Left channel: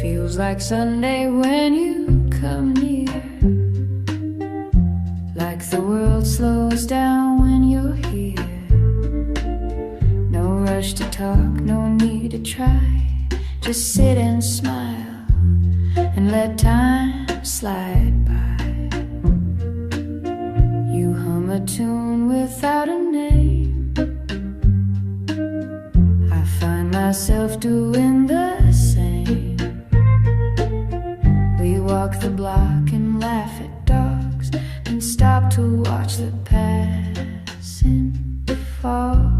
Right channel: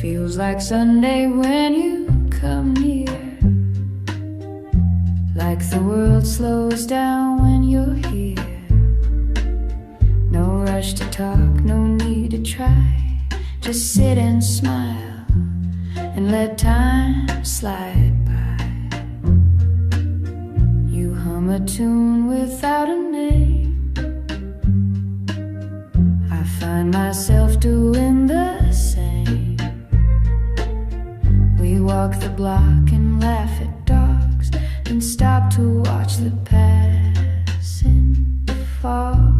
Feels like Sunday when you come near, like the world slows down when you're here. No rush to talk, no need to try, just sit and smile and let time slide by. You hum a tune without a name, I find myself doing the same. We walk the block and laugh at dogs, then stop to watch the passing fog.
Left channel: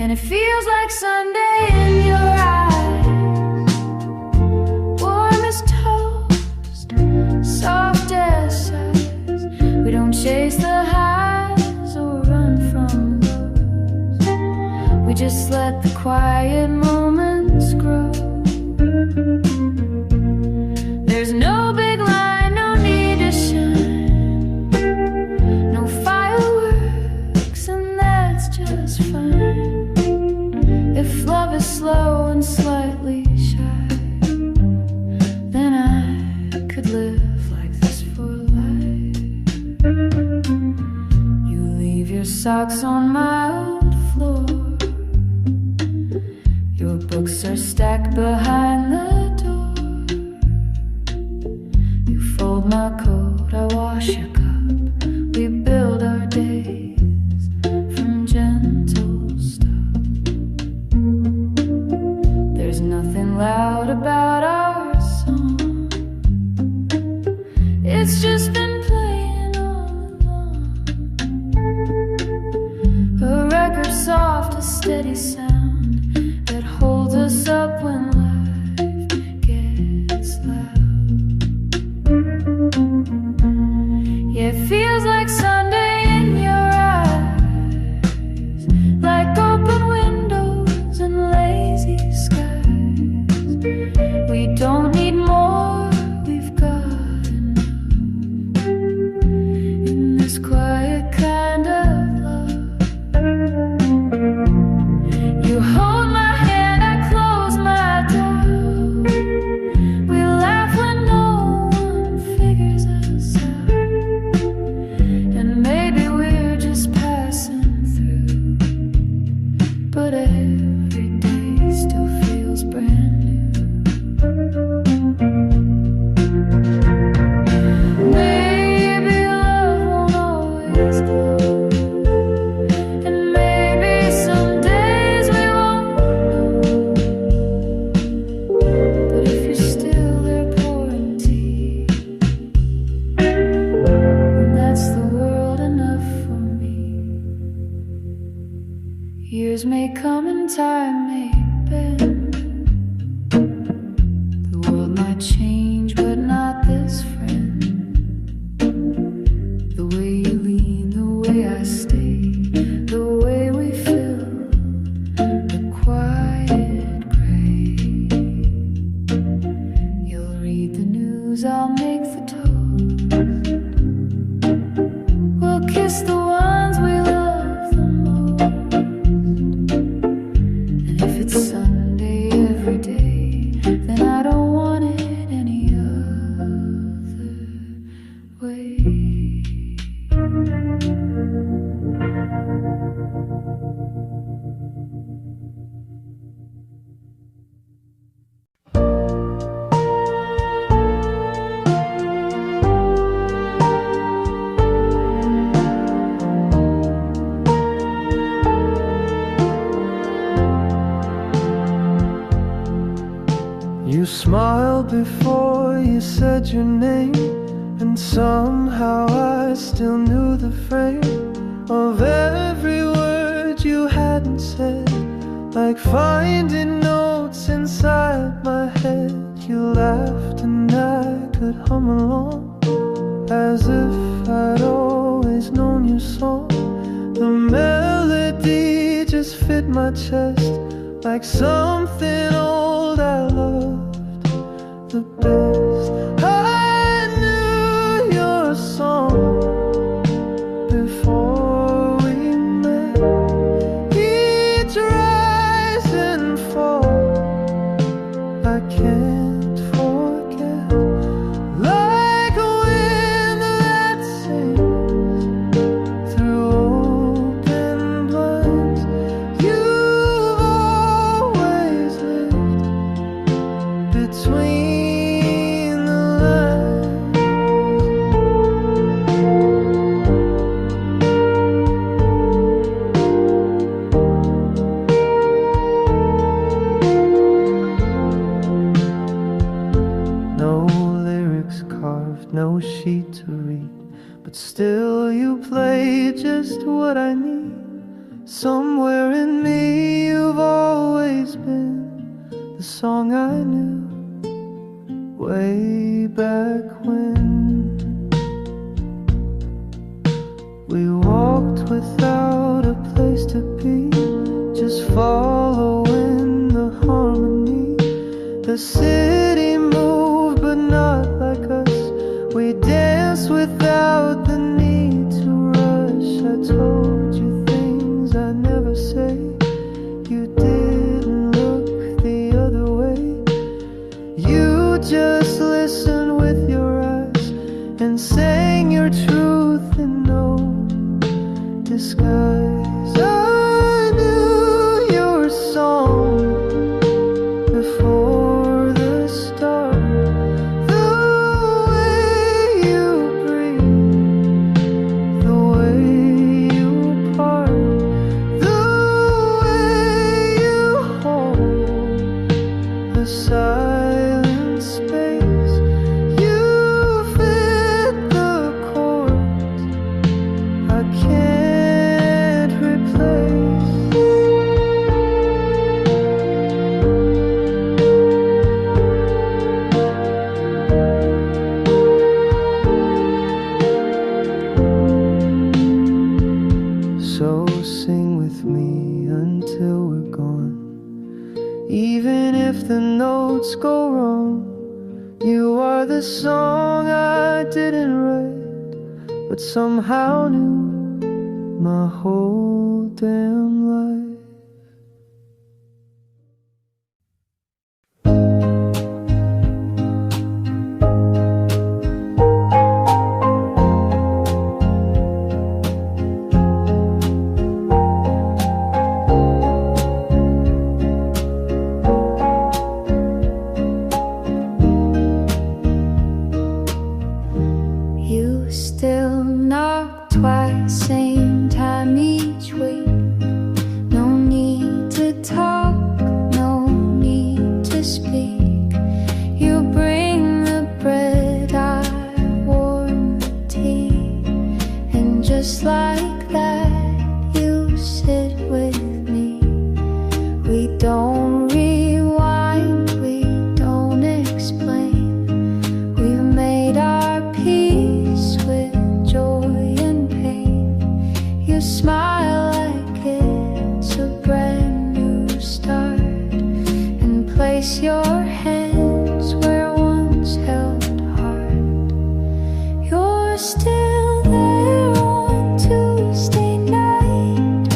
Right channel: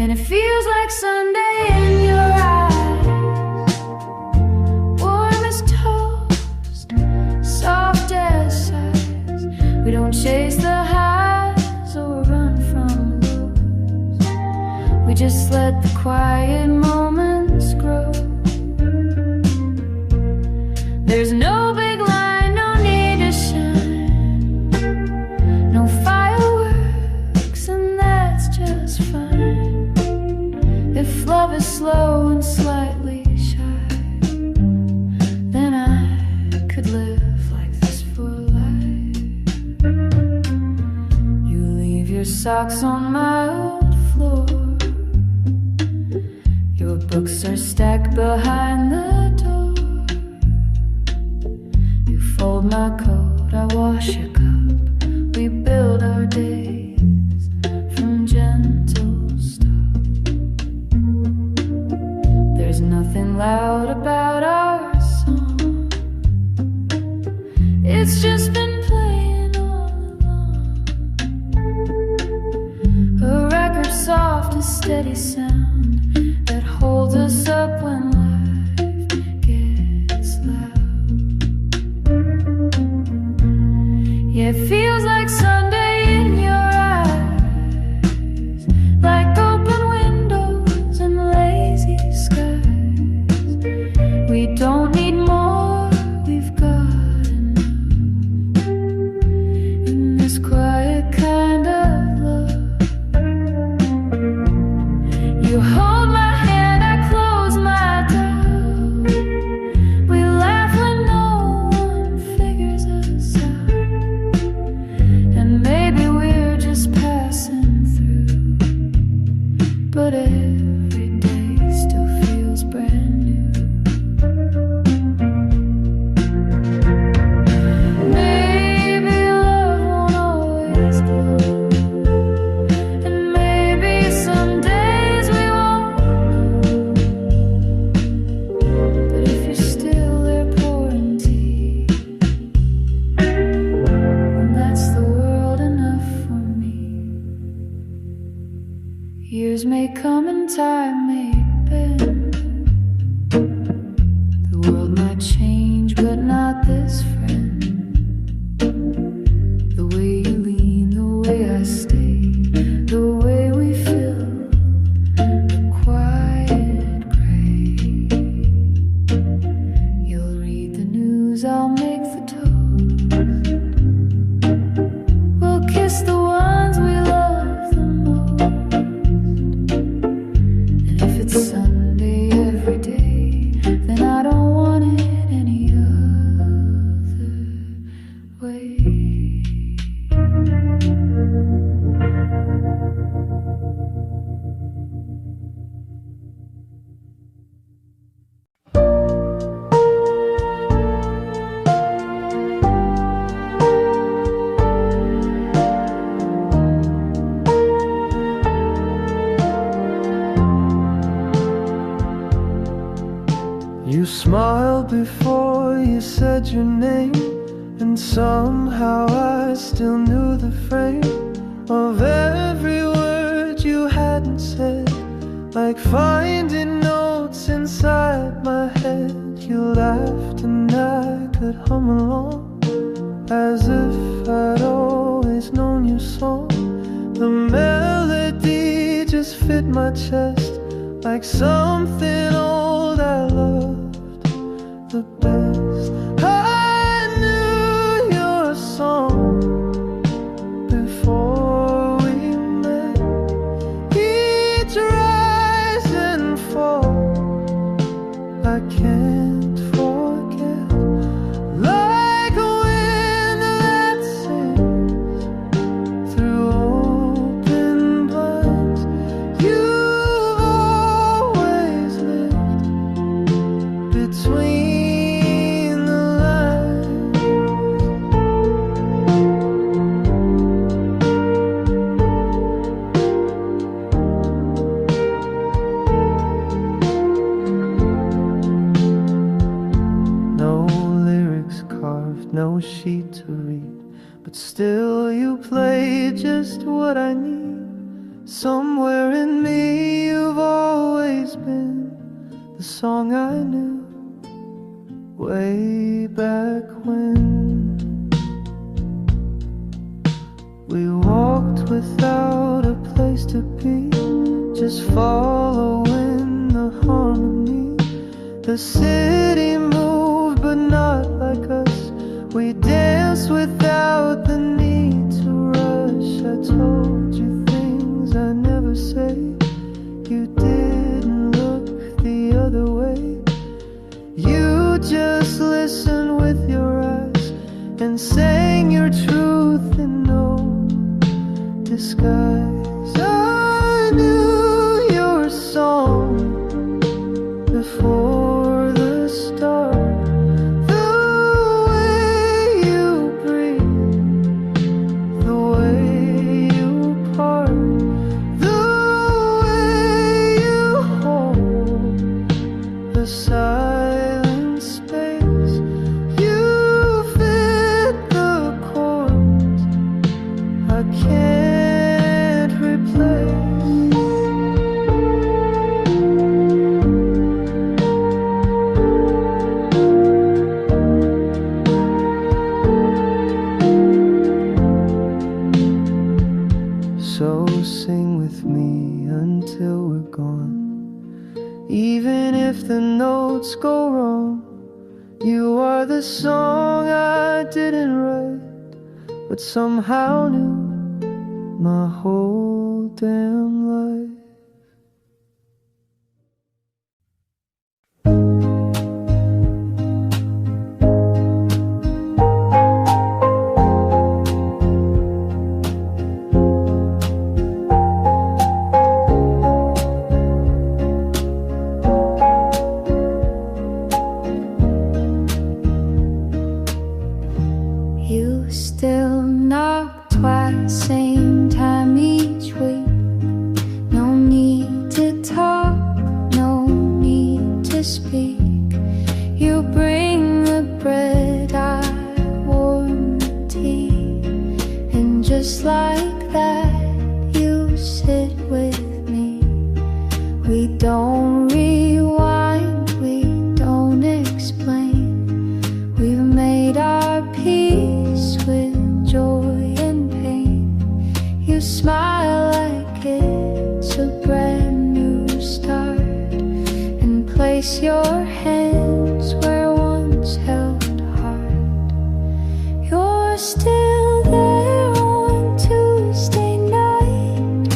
And it feels like Sunday in your eyes, warm as toast, soft as ice. We don't chase the highs or run from lows, we just let the quiet moments grow. There's no big line, no need to shine, no fireworks, and that's just fine. If love is slow and slightly shy, then I could live like this for life. You leave your socks on my old floor, your books are stacked behind the door. Fold my coat, I wash your cup, we build our days from gentle stuff. There's nothing loud about our song, it's just been playing all along. A record soft, a steady sound that holds us up when life gets loud. Yeah, it feels like Sunday in your eyes, like open windows and lazy skies. We don't need more, we've got enough in this quiet kind of love. You hold my hand, I close my doubt. We laugh when no one figures us out, and maybe we're just passing through, but every day still feels brand new. Maybe love won't always glow, and maybe some days we won't know, but if you're still there pouring tea, then that's the world enough for me. Years may come and time may bend, the world might change but not this friend. The way you lean, the way I stay, the way we fill the quiet gray. You'll read the news, I'll make the toast, we'll kiss the ones we love the most. And if it's Sunday every day, then I don't want it any other way. You smiled before you said your name, and somehow I still knew the frame of every word you hadn't said. Like finding notes inside my head, you laughed and I could hum along, as if I'd always known your song. The melody just fit my chest like something old I loved the best. I knew your song no sheet to read, but still you play just what I need. Somewhere in me you've always been the song I knew way back when. We walked without a place to be, just following the harmony. The city moved but not like us. We danced without the need to rush. I told you things I never say. You didn't look the other way. You just listened with your eyes and sang your truth in no disguise. I knew your song before the start. The way you breathe, the way you part, the way you hold the silent space. You fit the chords I can't replace. So sing with me until we're gone. Even if the notes go wrong, you are the song I didn't write, but somehow knew my whole damn life. You still knock twice, same time each week. No need to talk, no need to speak. You bring the bread, I warm the tea, and just like that you sit with me. We don't rewind, we don't explain. We've made our peace with joy and pain. You smile like it's a brand new start, and place your hands where once held heart. You're still there on Tuesday night,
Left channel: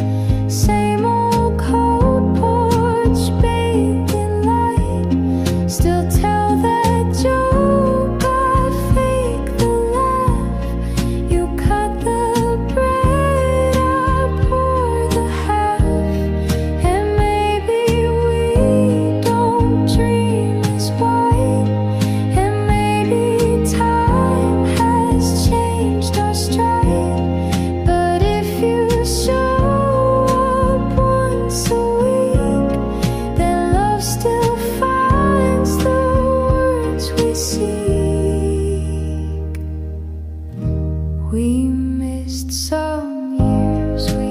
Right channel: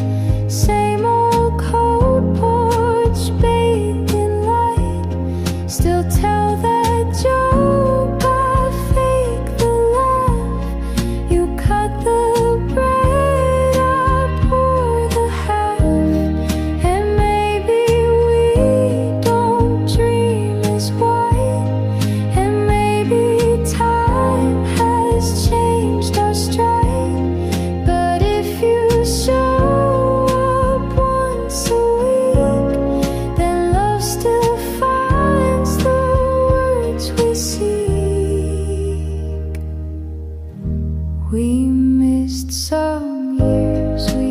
same old cold porch bathed in light. Still tell that joke, I fake the laugh. You cut the bread, I pour the half. And maybe we don't dream as white, and maybe time has changed our stride. But if you show up once a week, then love still finds the words we seek. We missed some years, we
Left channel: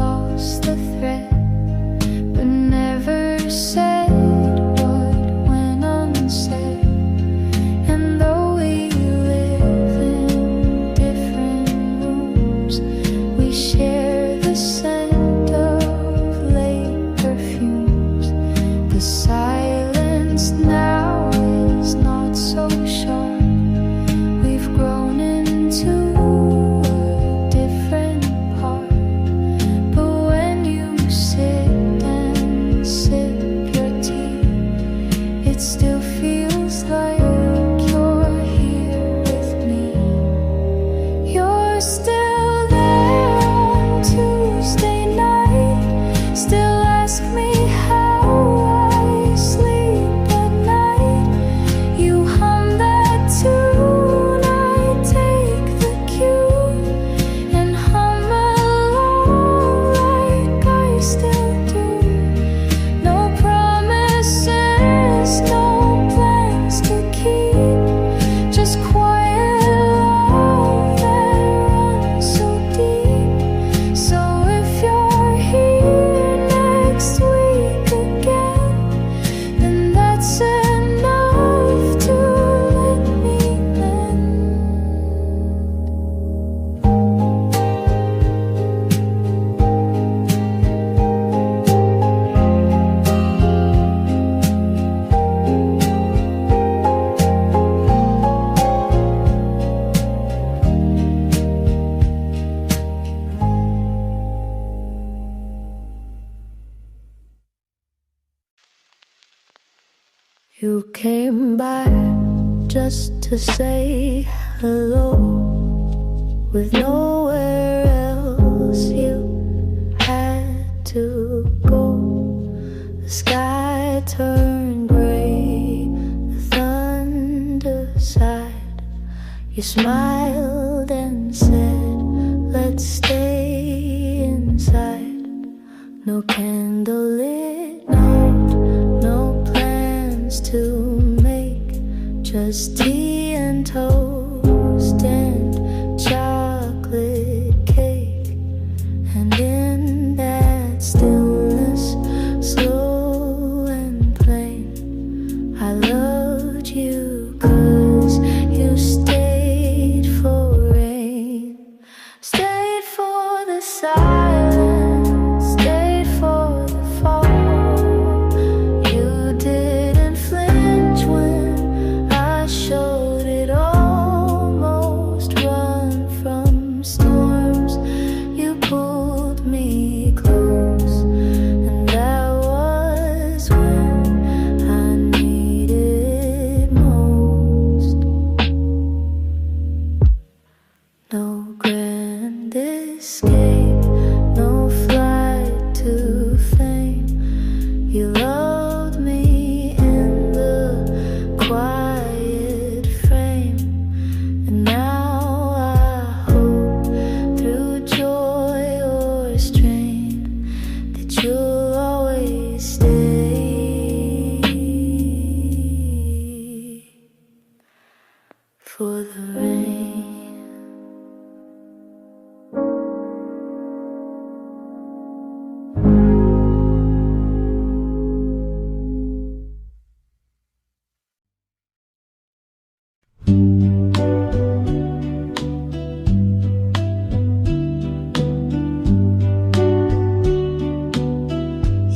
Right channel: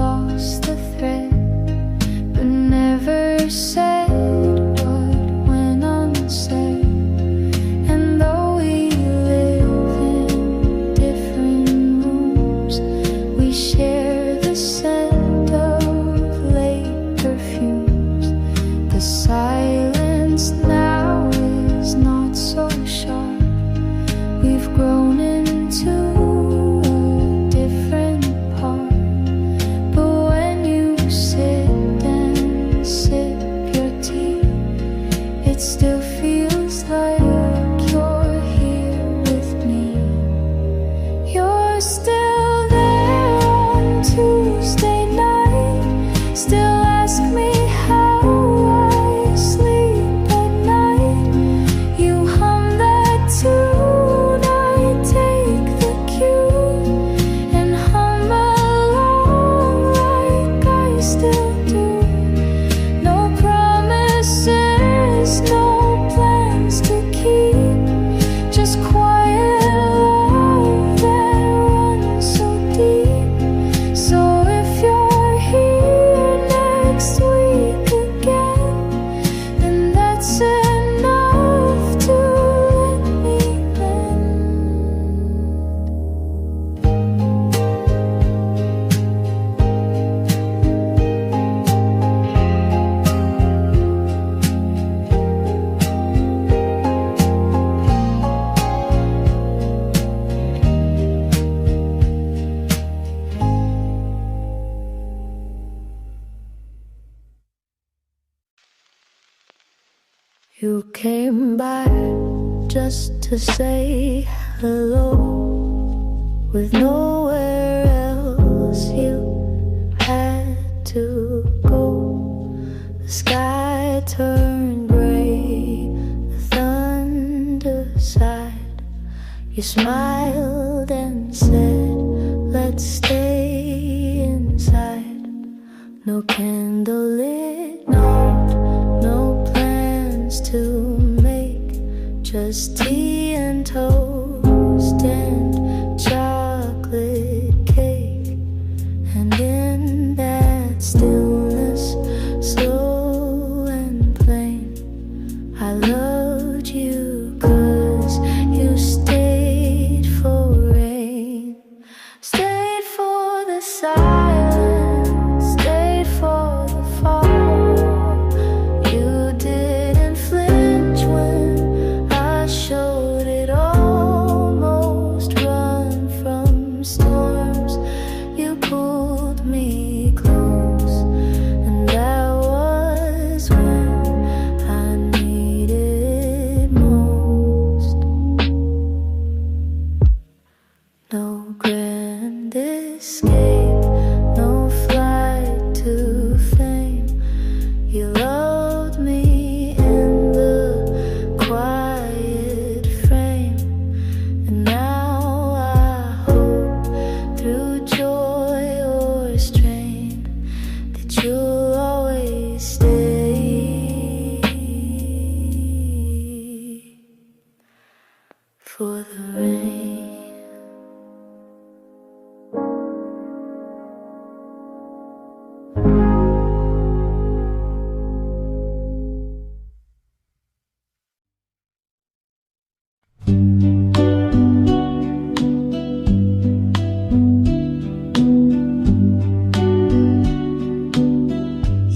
lost the thread, but never said what went unsaid. And though we live in different rooms, we share the scent of late perfumes. The silence now is not so sharp. We've grown into a different part. But when you sit and sip your tea, it still feels like you're here with me. You're still there on Tuesday night, still ask me how I sleep at night. You hum that tune, I take the You came by just to say hello, with nowhere else you had to go. The sky turned gray, the thunder sighed. You smiled and said, let's stay inside. No candlelit note, no plans to make, just tea and toast and chocolate cake. And in that stillness, slow and plain, I loved you 'cause you stayed for rain, stayed for the silence, stayed for the fall. You didn't flinch when I showed it, almost run from storms. You pulled me close, and that was when I needed most. No grand escape, no flight to fame. You loved me in the quiet frame, and now I hope through joy or strain that you'll always stay for the rain.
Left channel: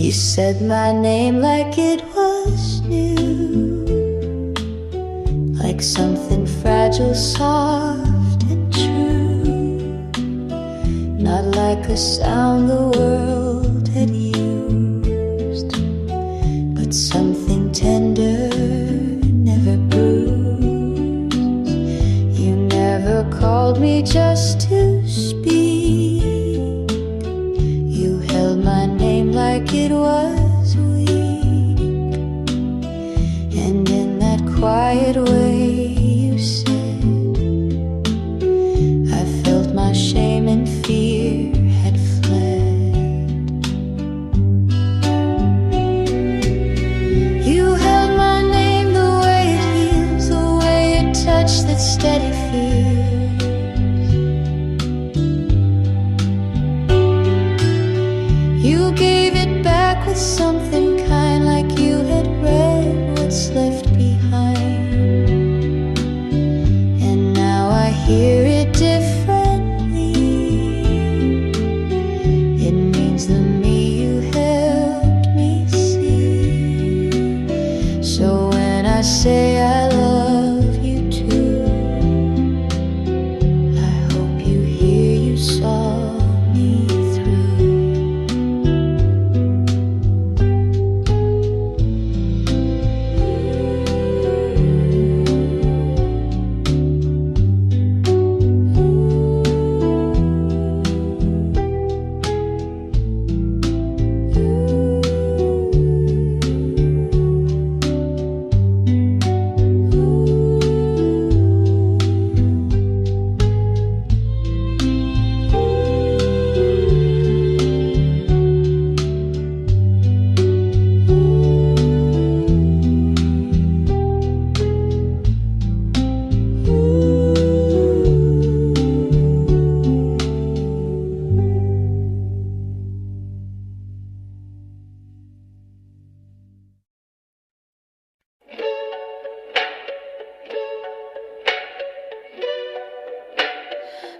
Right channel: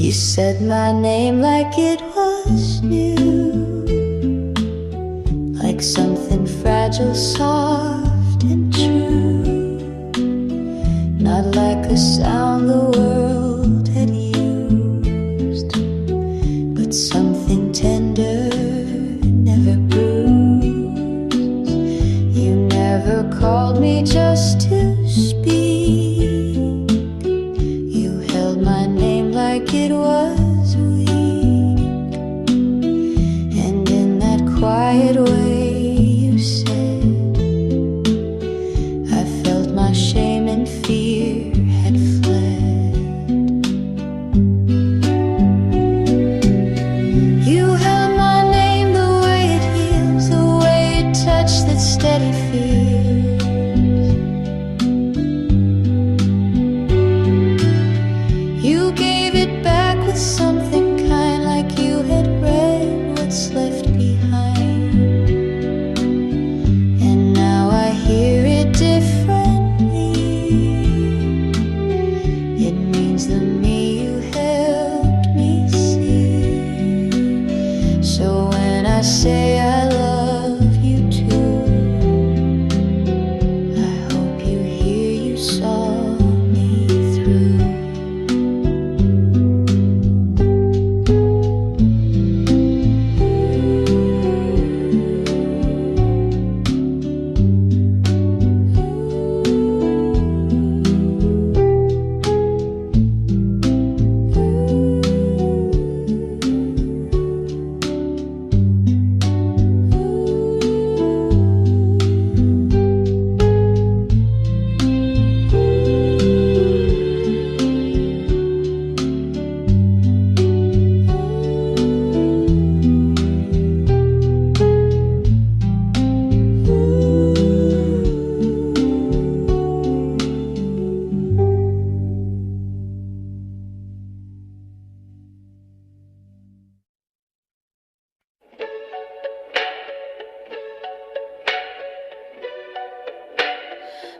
You said my name like it was new, like something fragile, soft and true, not like a sound the world had used, but something tender, never bruised. You never called me just to speak. You held my name like it was weak, and in that quiet way you said, I felt my shame and fear had fled. You held my name the way it heals, the way it touched that steady fear. You gave it back with something kind, like you had read what's left behind. And now I hear it differently. It means the me you helped me see. So when I say I love you too, I hope you hear you saw me through.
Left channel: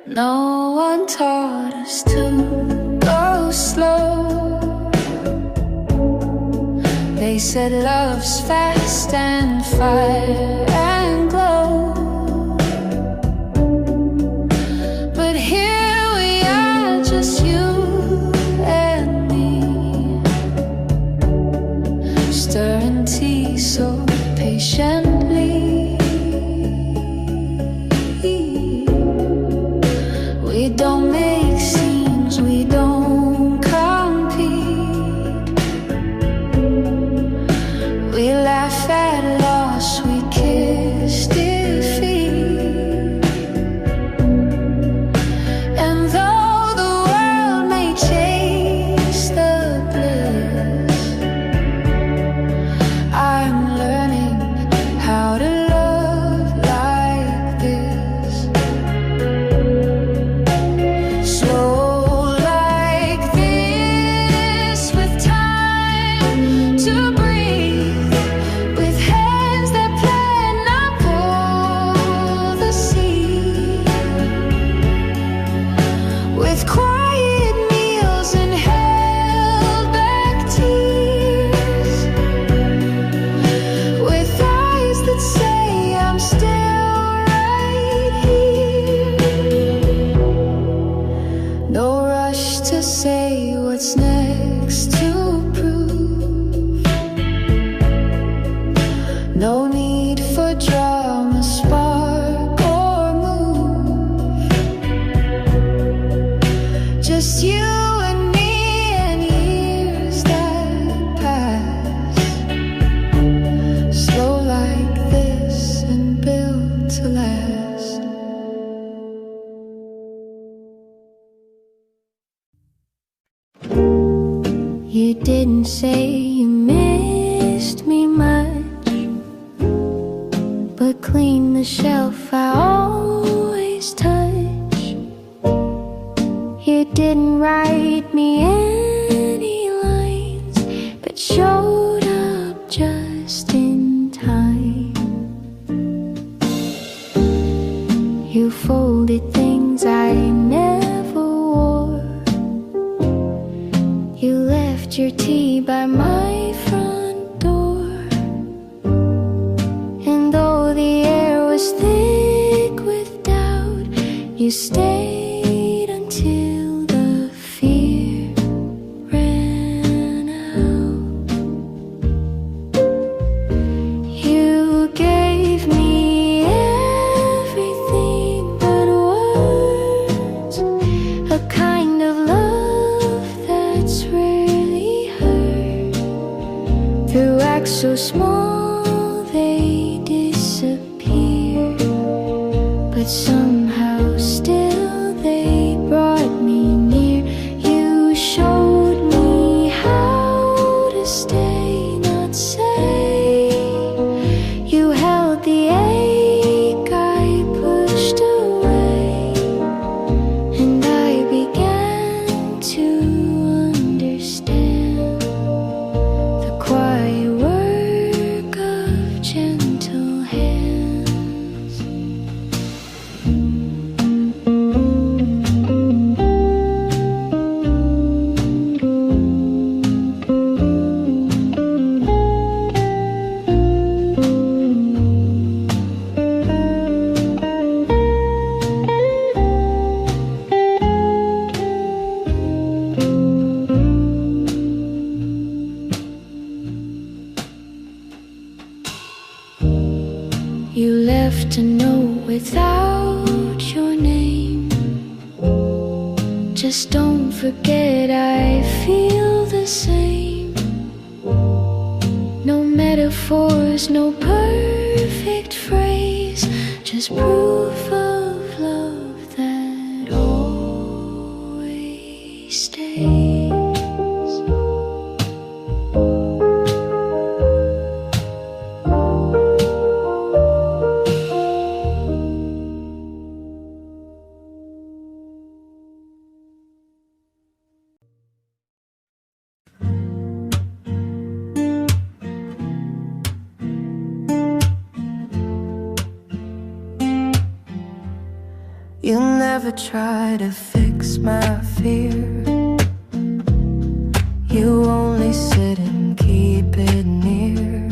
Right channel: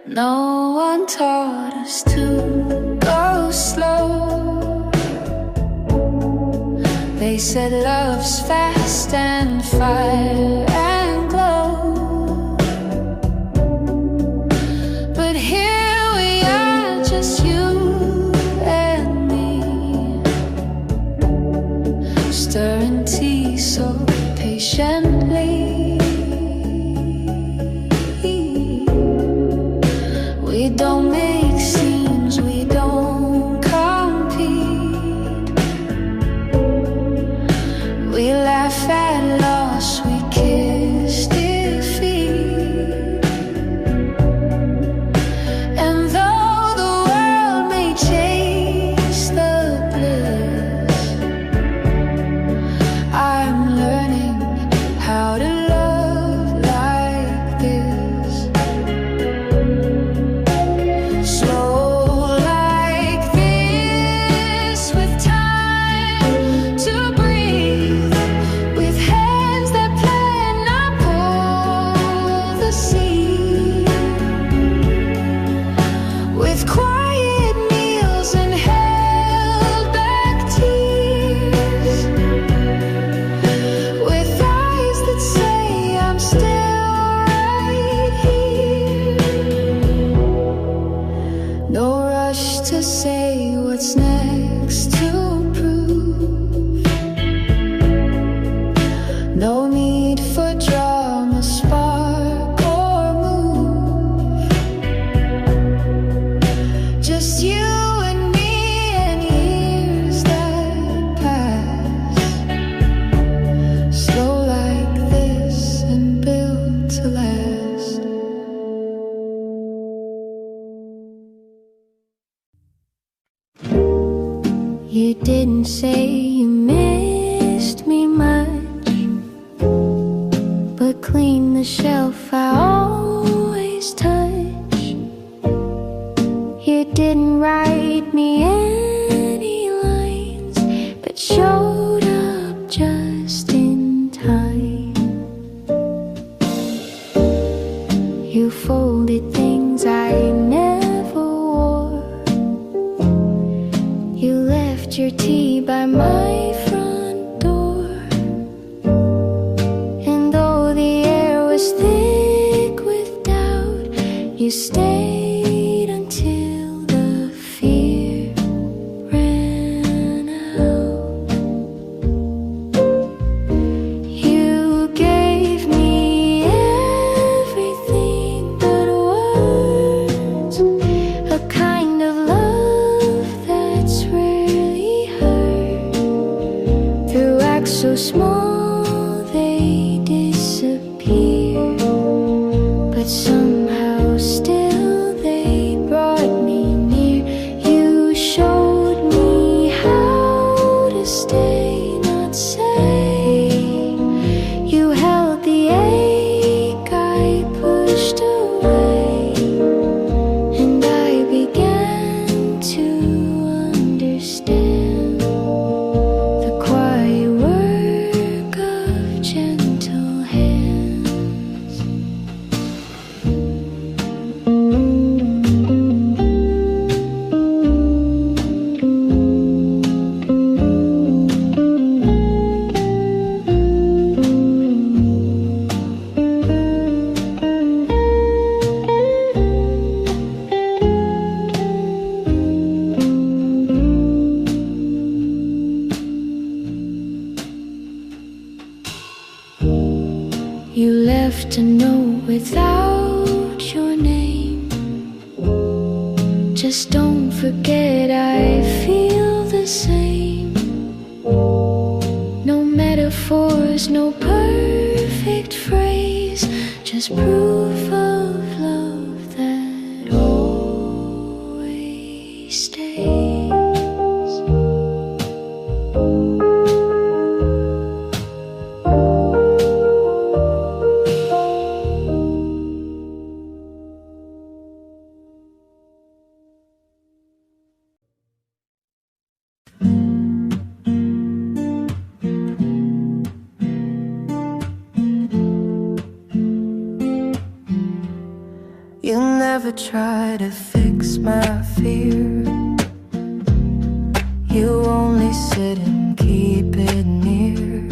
No one taught us to go slow. They said love's fast and fire and glow. But here we are, just you and me, stirring tea so pink patiently. We don't make scenes, we don't compete. We laugh at loss, we kiss defeat. And though the world may chase the bliss, I'm learning how to love like this. Slow like this, with time to breathe, with hands that plan not pull the sea, with quiet meals and held back tears, with eyes that say I'm still right here. No rush to say what's next to prove. No need for drama, spark or move. Just you and me and years that pass. Slow like this and built to last. You didn't say you missed me much, but clean the shelf I always touch. You didn't write me any lines, but showed up just in time. You folded things I never wore. You left your tea by my front door. And though the air was thick with doubt, you stayed until the fear ran out. You gave me everything but words, a kind of love that's rarely heard. Through acts so small they disappear, but somehow still they brought me near. You showed me how to stay, not say. You held the ache I pushed away, and I began to understand the quiet work of gentle hands. You left a note without your name. Just don't forget I feel the same. No metaphors, no perfect phrase, just proof of love that always stays. You never try to fix my fear. You only sit and keep it near.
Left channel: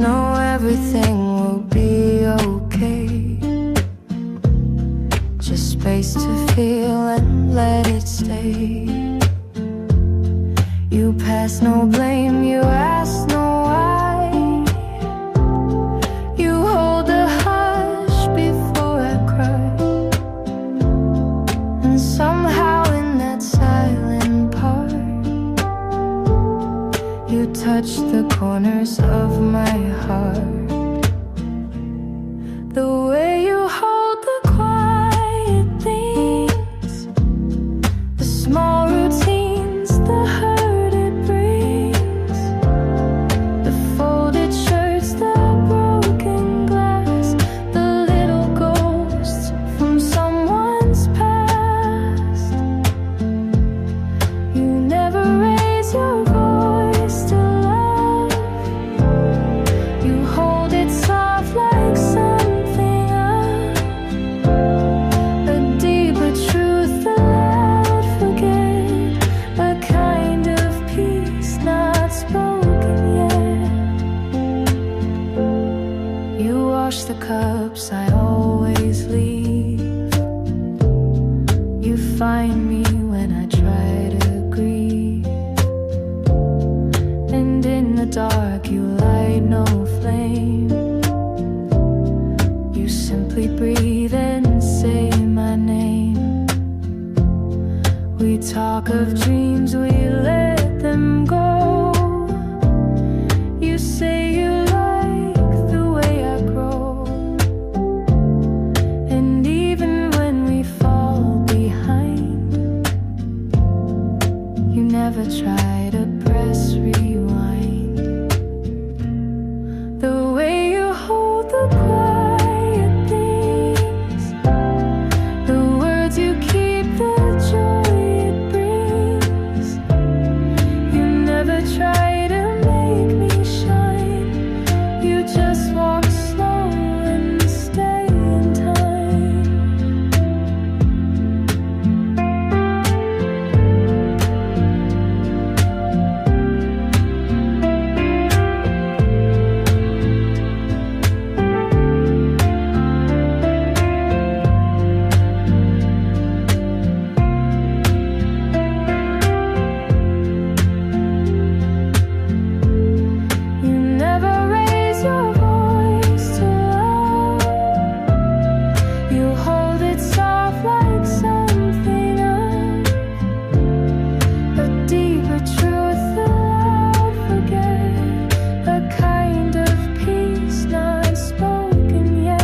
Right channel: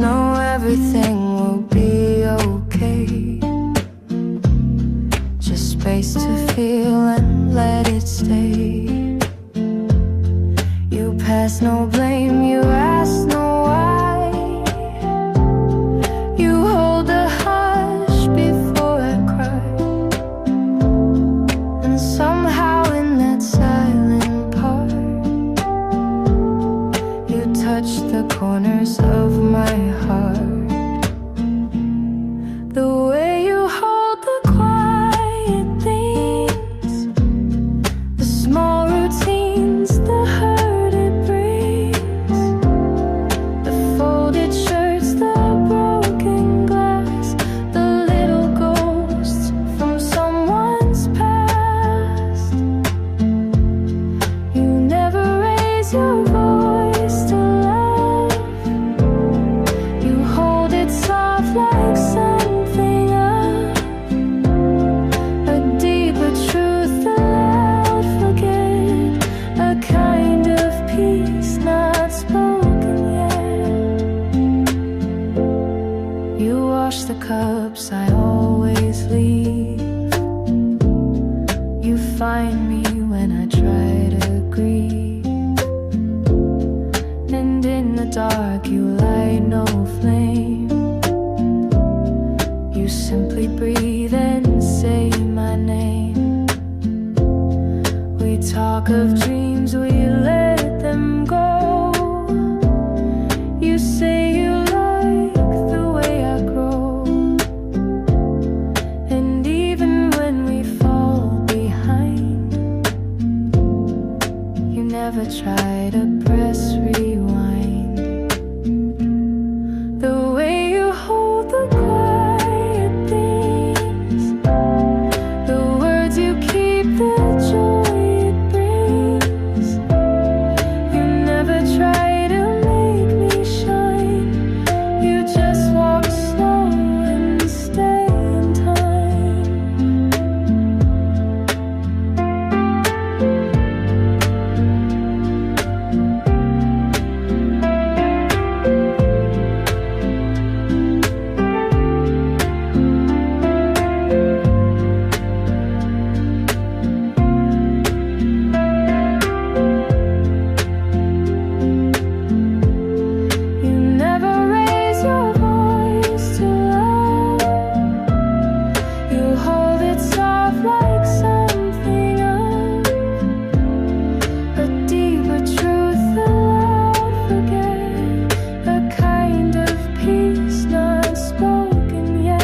Know everything will be okay. Just space to feel and let it stay. You pass no blame, you ask no why. touch the corners of my heart. The way you hold the quiet things, the small routines, the hurt it brings, the folded shirts, the broken glass, the little ghosts from someone's past. You never raise your voice to love. You hold it soft like something of a deeper truth, a loud forget, a kind of peace not spoken yet. You wash the cups I always leave. You find me when I try to grieve, and in the dark you light no flame. You simply breathe and say my name. We talk of dreams, we let them go. You say you like the way I grow, and even when we fall behind, you never try to press rewind. The way you hold the quiet things, the words you keep, the joy it brings. You never try to make me shine. You just walk slow and stay in time. You never raise your voice to love. You hold it soft like something of a deeper truth, a loud forget, a kind of peace not spoken yet.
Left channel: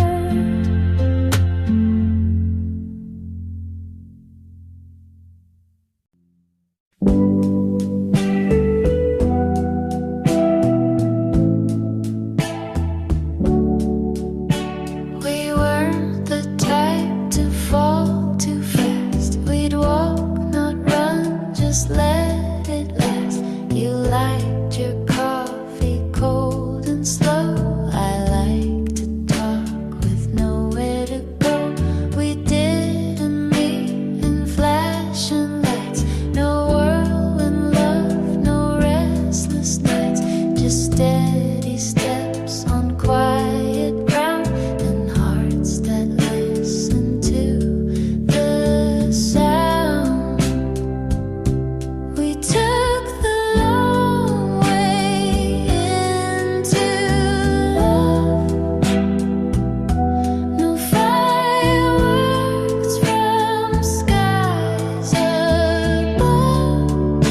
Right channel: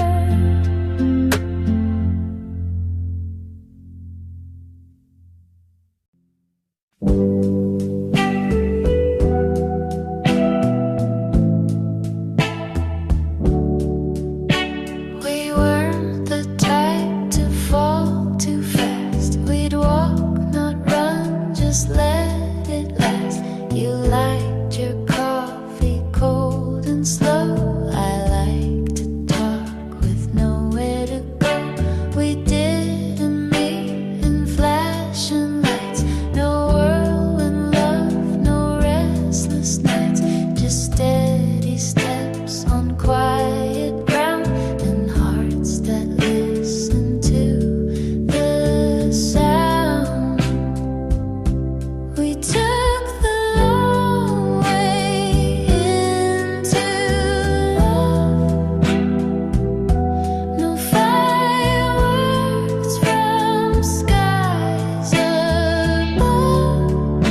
We weren't the type to fall too fast. We'd walk, not run, just let it last. You liked your coffee cold and slow. I like to talk with nowhere to go. We didn't meet in flashing lights. No whirlwind love, no restless nights. Just steady steps on quiet ground, and hearts that listen to the sound. We took the long way into love. No fireworks from skies above,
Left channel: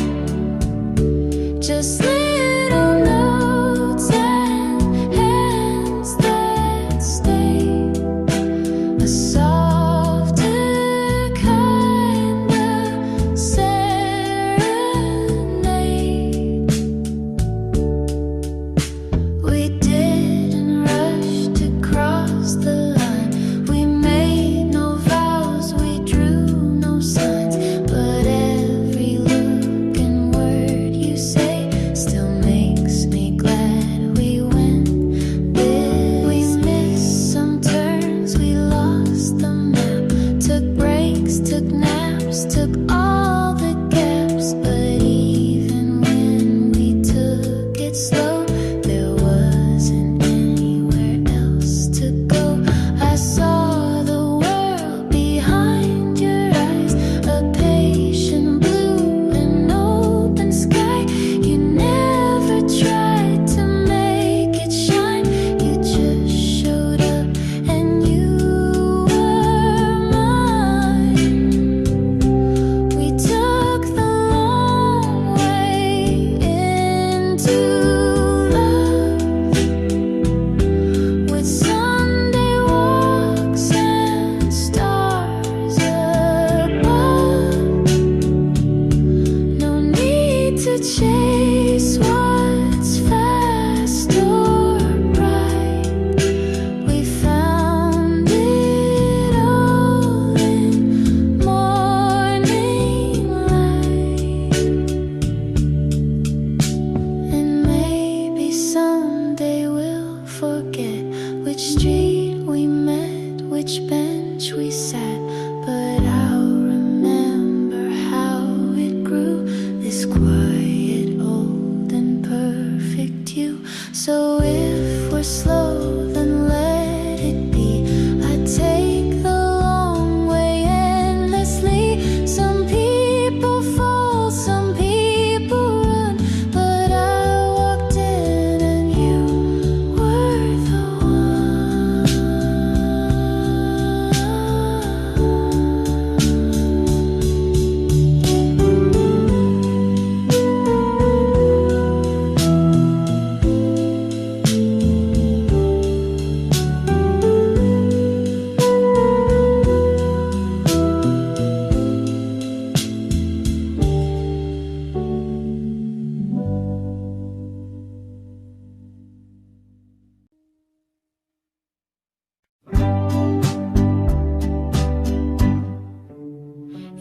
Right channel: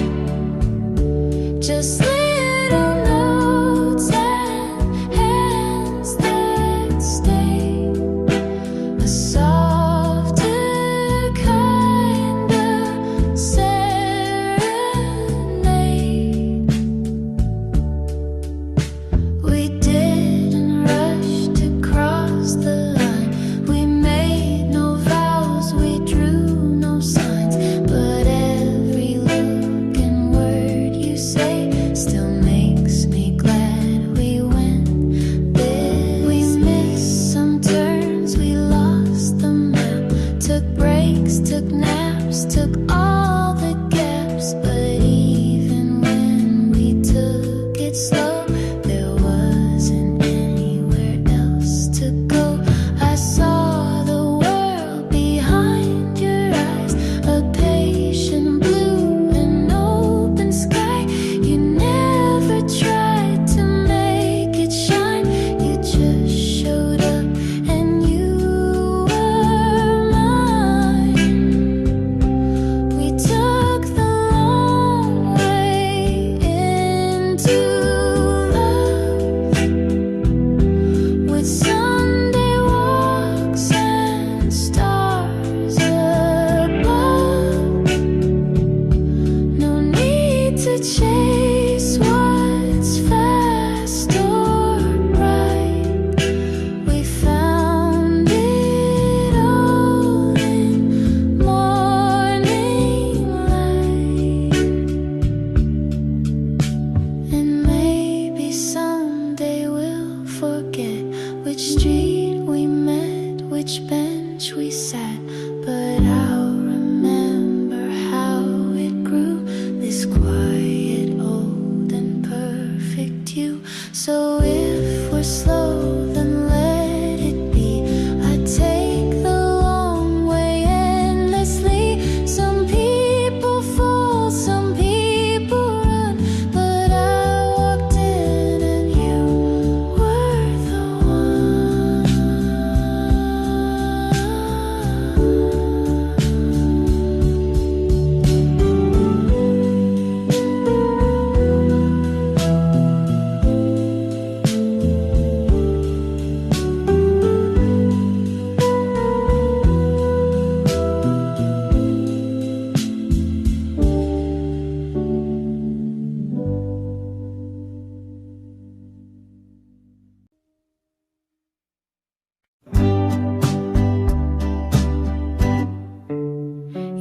just little notes and hands that stay. A softer kind of serenade. We didn't rush to cross the line. We made no vows, we drew no signs. But every look and word you say still makes me glad we went this. We missed some turns, we lost the map. Took breaks, took naps, took all the gaps. But even when we took it slow, there wasn't anywhere else to go. I saw the world behind your eyes, a patient blue and open sky. You never tried to make it shine. You just showed up and you were mine. We took which bench we sat, but I'll remember how it grew, this quiet, old and perfect you. So if we're slow, then let it be. I take the long way endlessly. Some people fall, some people run, but I walked in and you were the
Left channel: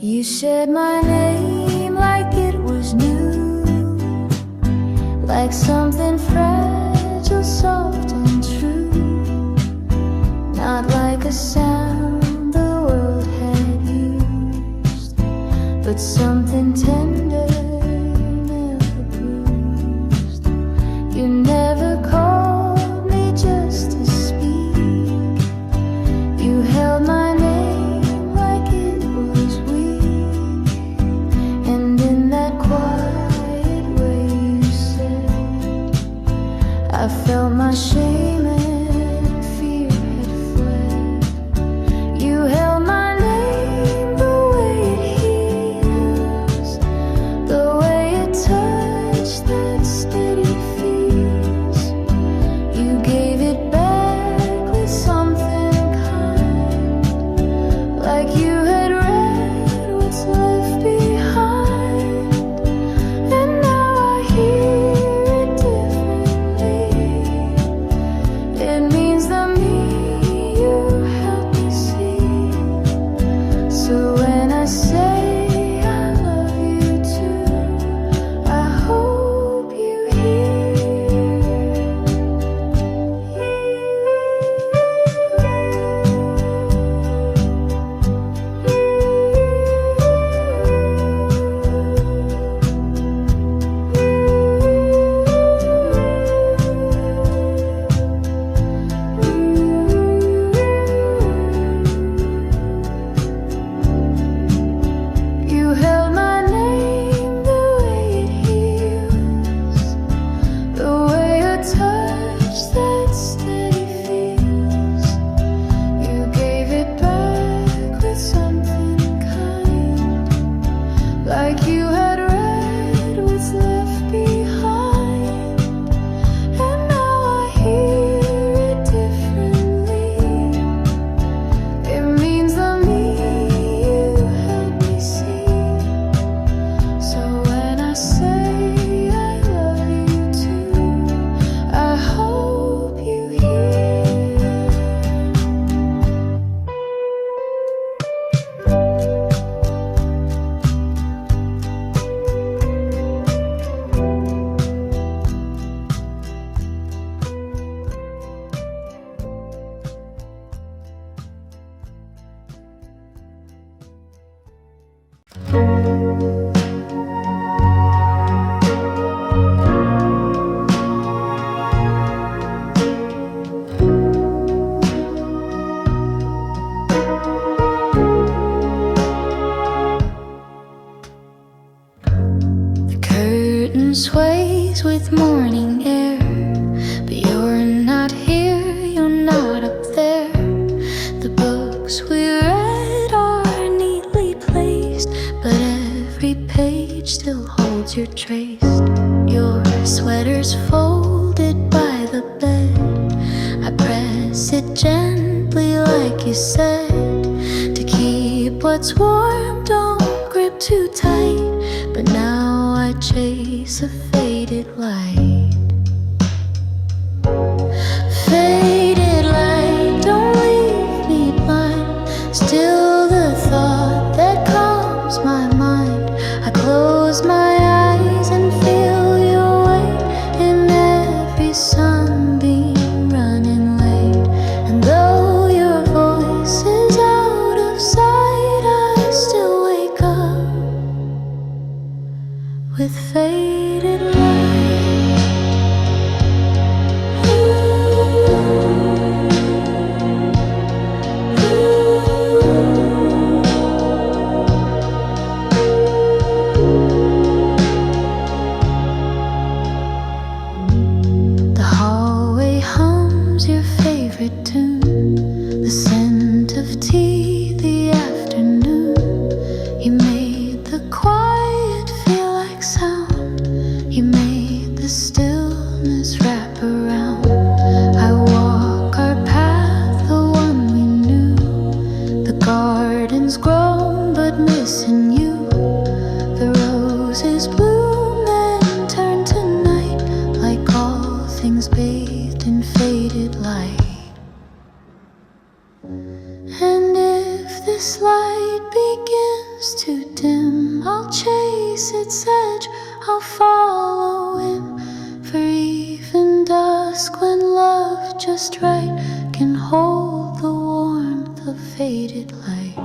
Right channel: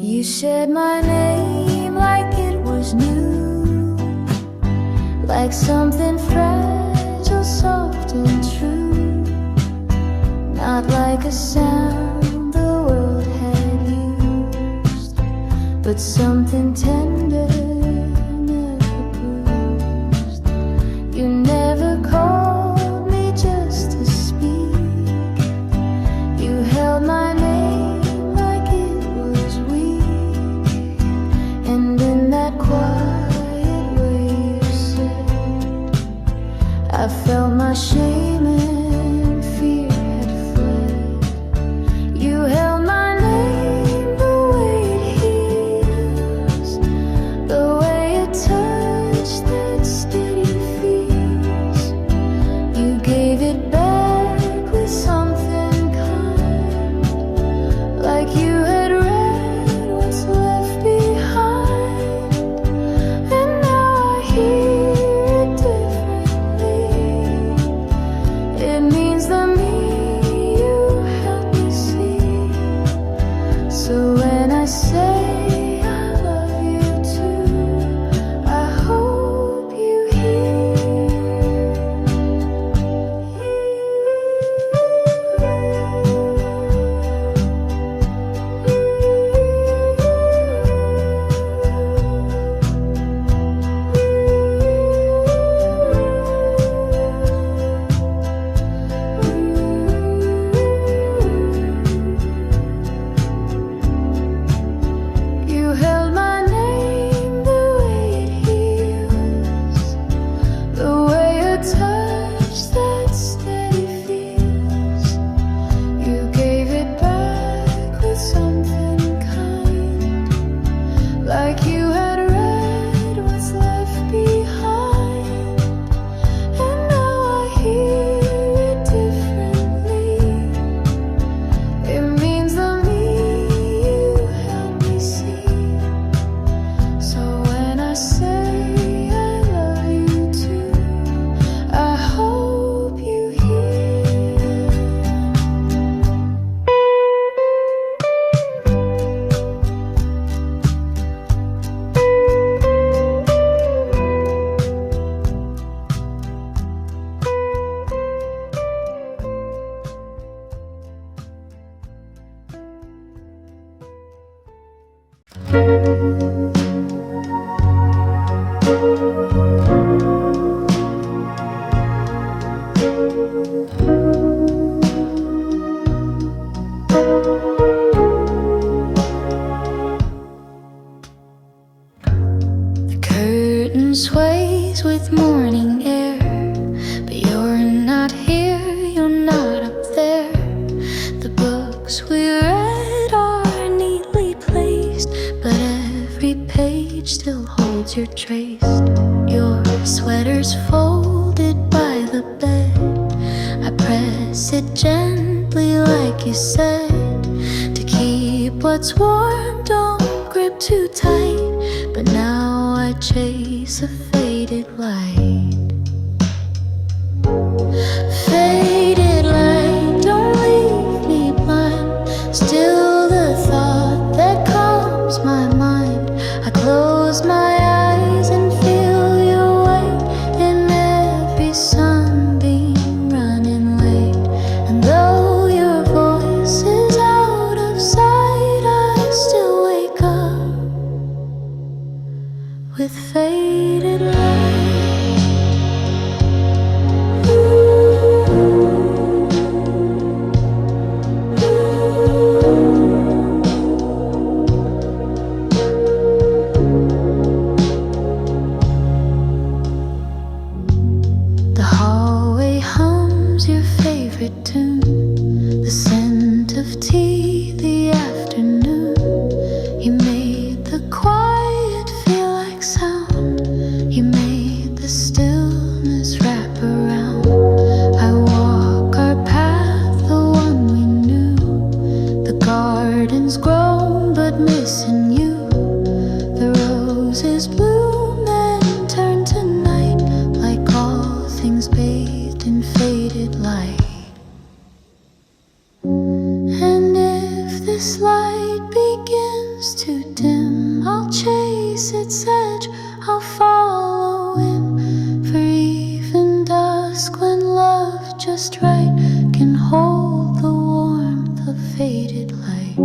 You said my name like it was new, like something fragile, soft and true, not like a sound the world had used, but something tender, never bruised. You never called me just to speak. You held my name like it was weak, and in that quiet way you said, I felt my shame and fear had fled. You held my name the way it heals, the way it touched that steady feels. You gave it back with something kind, like you had read what's left behind. And now I hear it differently. It means the me you helped me see. So when I say I love you too, I hope you You held my name the way it heals, the way a touch that steady feels. You gave it back with something kind, like you had read what's left behind. And now I hear it differently. It means the me you helped me see. So when I say I love you too, I hope you hear. The curtain sways with morning air, but you're not here, you're not up there. The books we read are neatly placed, but every page still holds your trace. Your sweater's folded by the bed. I press it gently like you said, to keep what's warm, don't grip too tight. But now I chase a faded light. Faded light, don't leave me blind. Still the thought that calms my mind. I close my eyes and feel your weight in every sunbeam running late. And though your voice The garden's grown but missing you. The roses bloom and turn to night, like all things bathed in faded light. And if this light begins to dim, I'll chase its edge, I'll follow him. For even dusk, when love just right can hold the warmth of faded light.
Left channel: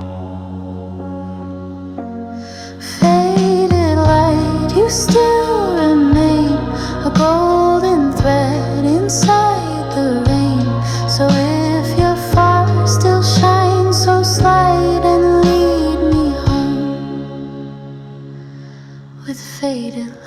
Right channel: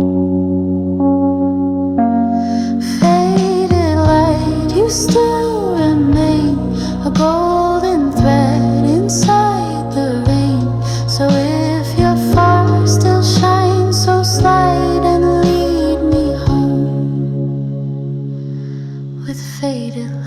Faded light, you still remain a golden thread inside the rain. So if you're far, still shine so slight and lead me home with faded light.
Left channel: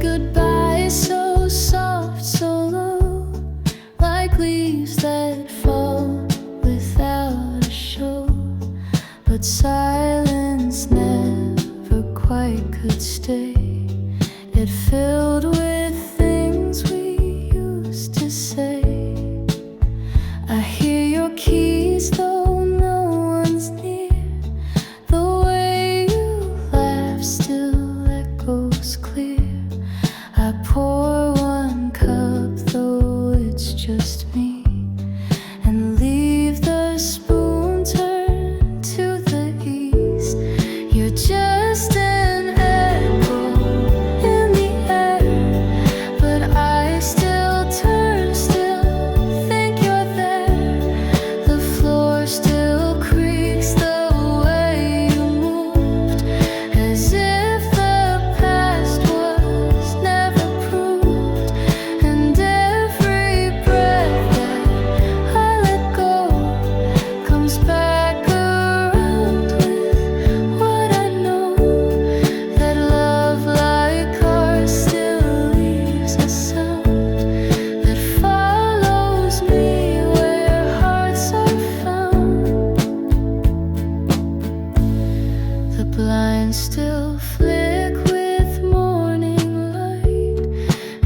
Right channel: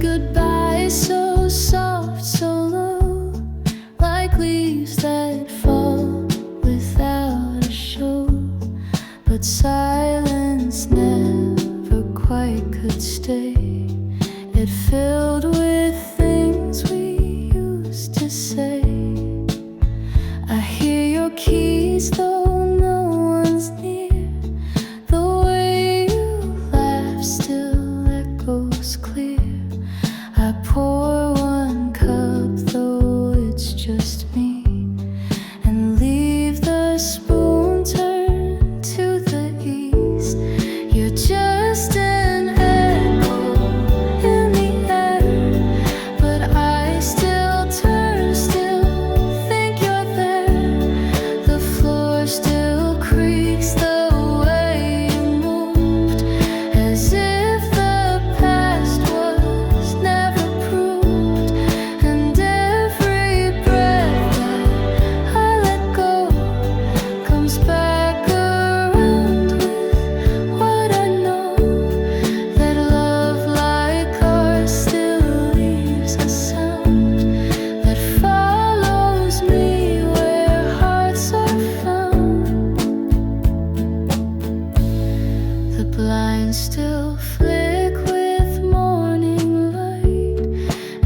Goodbye, so soft, so low, like leaves that fall without a show. But silence never quite could stay. It filled with things we used to say. I hear your keys though no one's near. The way you laugh still echoes clear. I pour one cup, though it's just me, and leave the spoon turned to the east. You're just an echo in the air, but I still turn, still think you're there. The floor still creaks the way you moved, as if the past was never proved. And every breath that I let go comes back around with what I know, that love like ours still leaves a sound that follows me where hearts are found. The blinds still flick with morning light,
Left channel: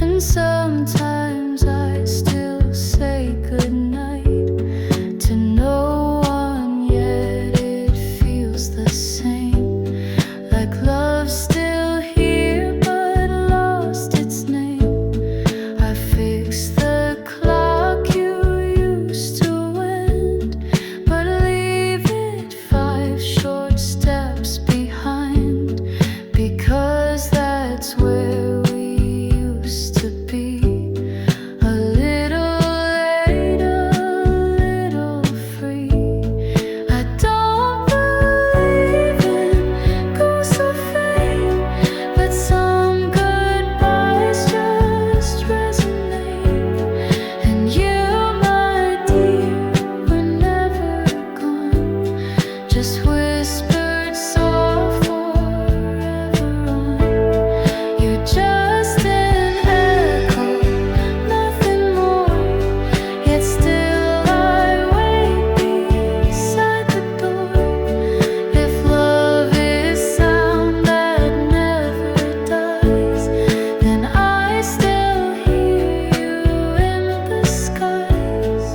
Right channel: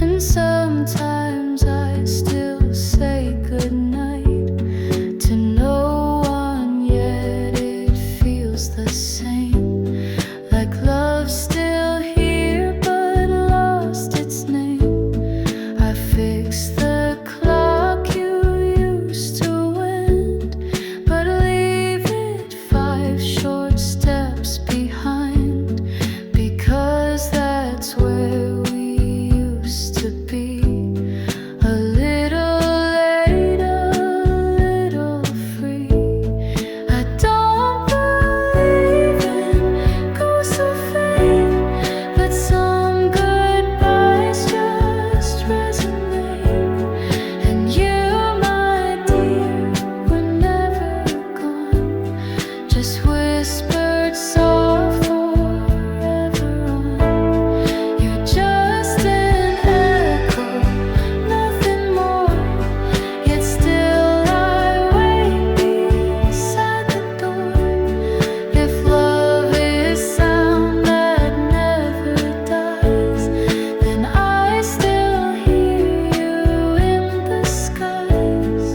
and sometimes I still say goodnight to no one, yet it feels the same, like love's still here but lost its name. I fix the clock you used to wind, but leave it 5 short steps behind, because that's where we used to be. A little late, a little free. I don't believe in ghosts or fate, but some goodbyes just resonate. And you, my dear, were never gone, just whispered soft forever on. You're just an echo, nothing more, yet still I wait beside the door. If love is sound that never dies, then I still hear you in the skies.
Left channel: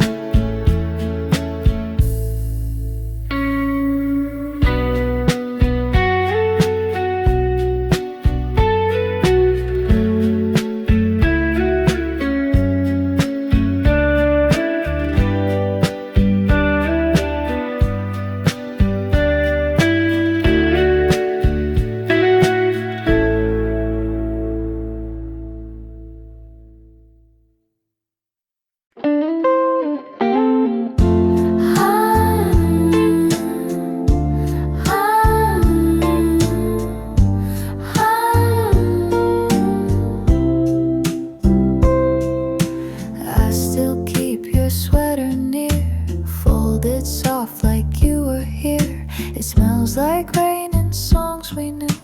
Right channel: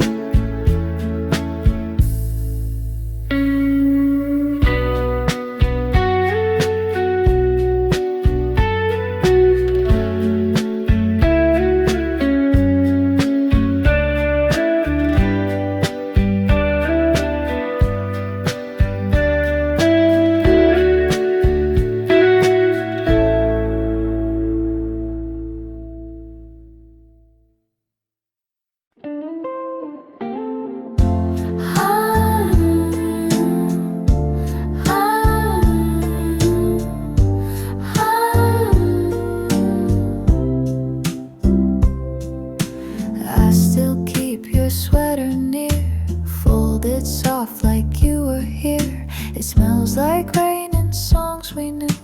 smells like rain and songs we knew,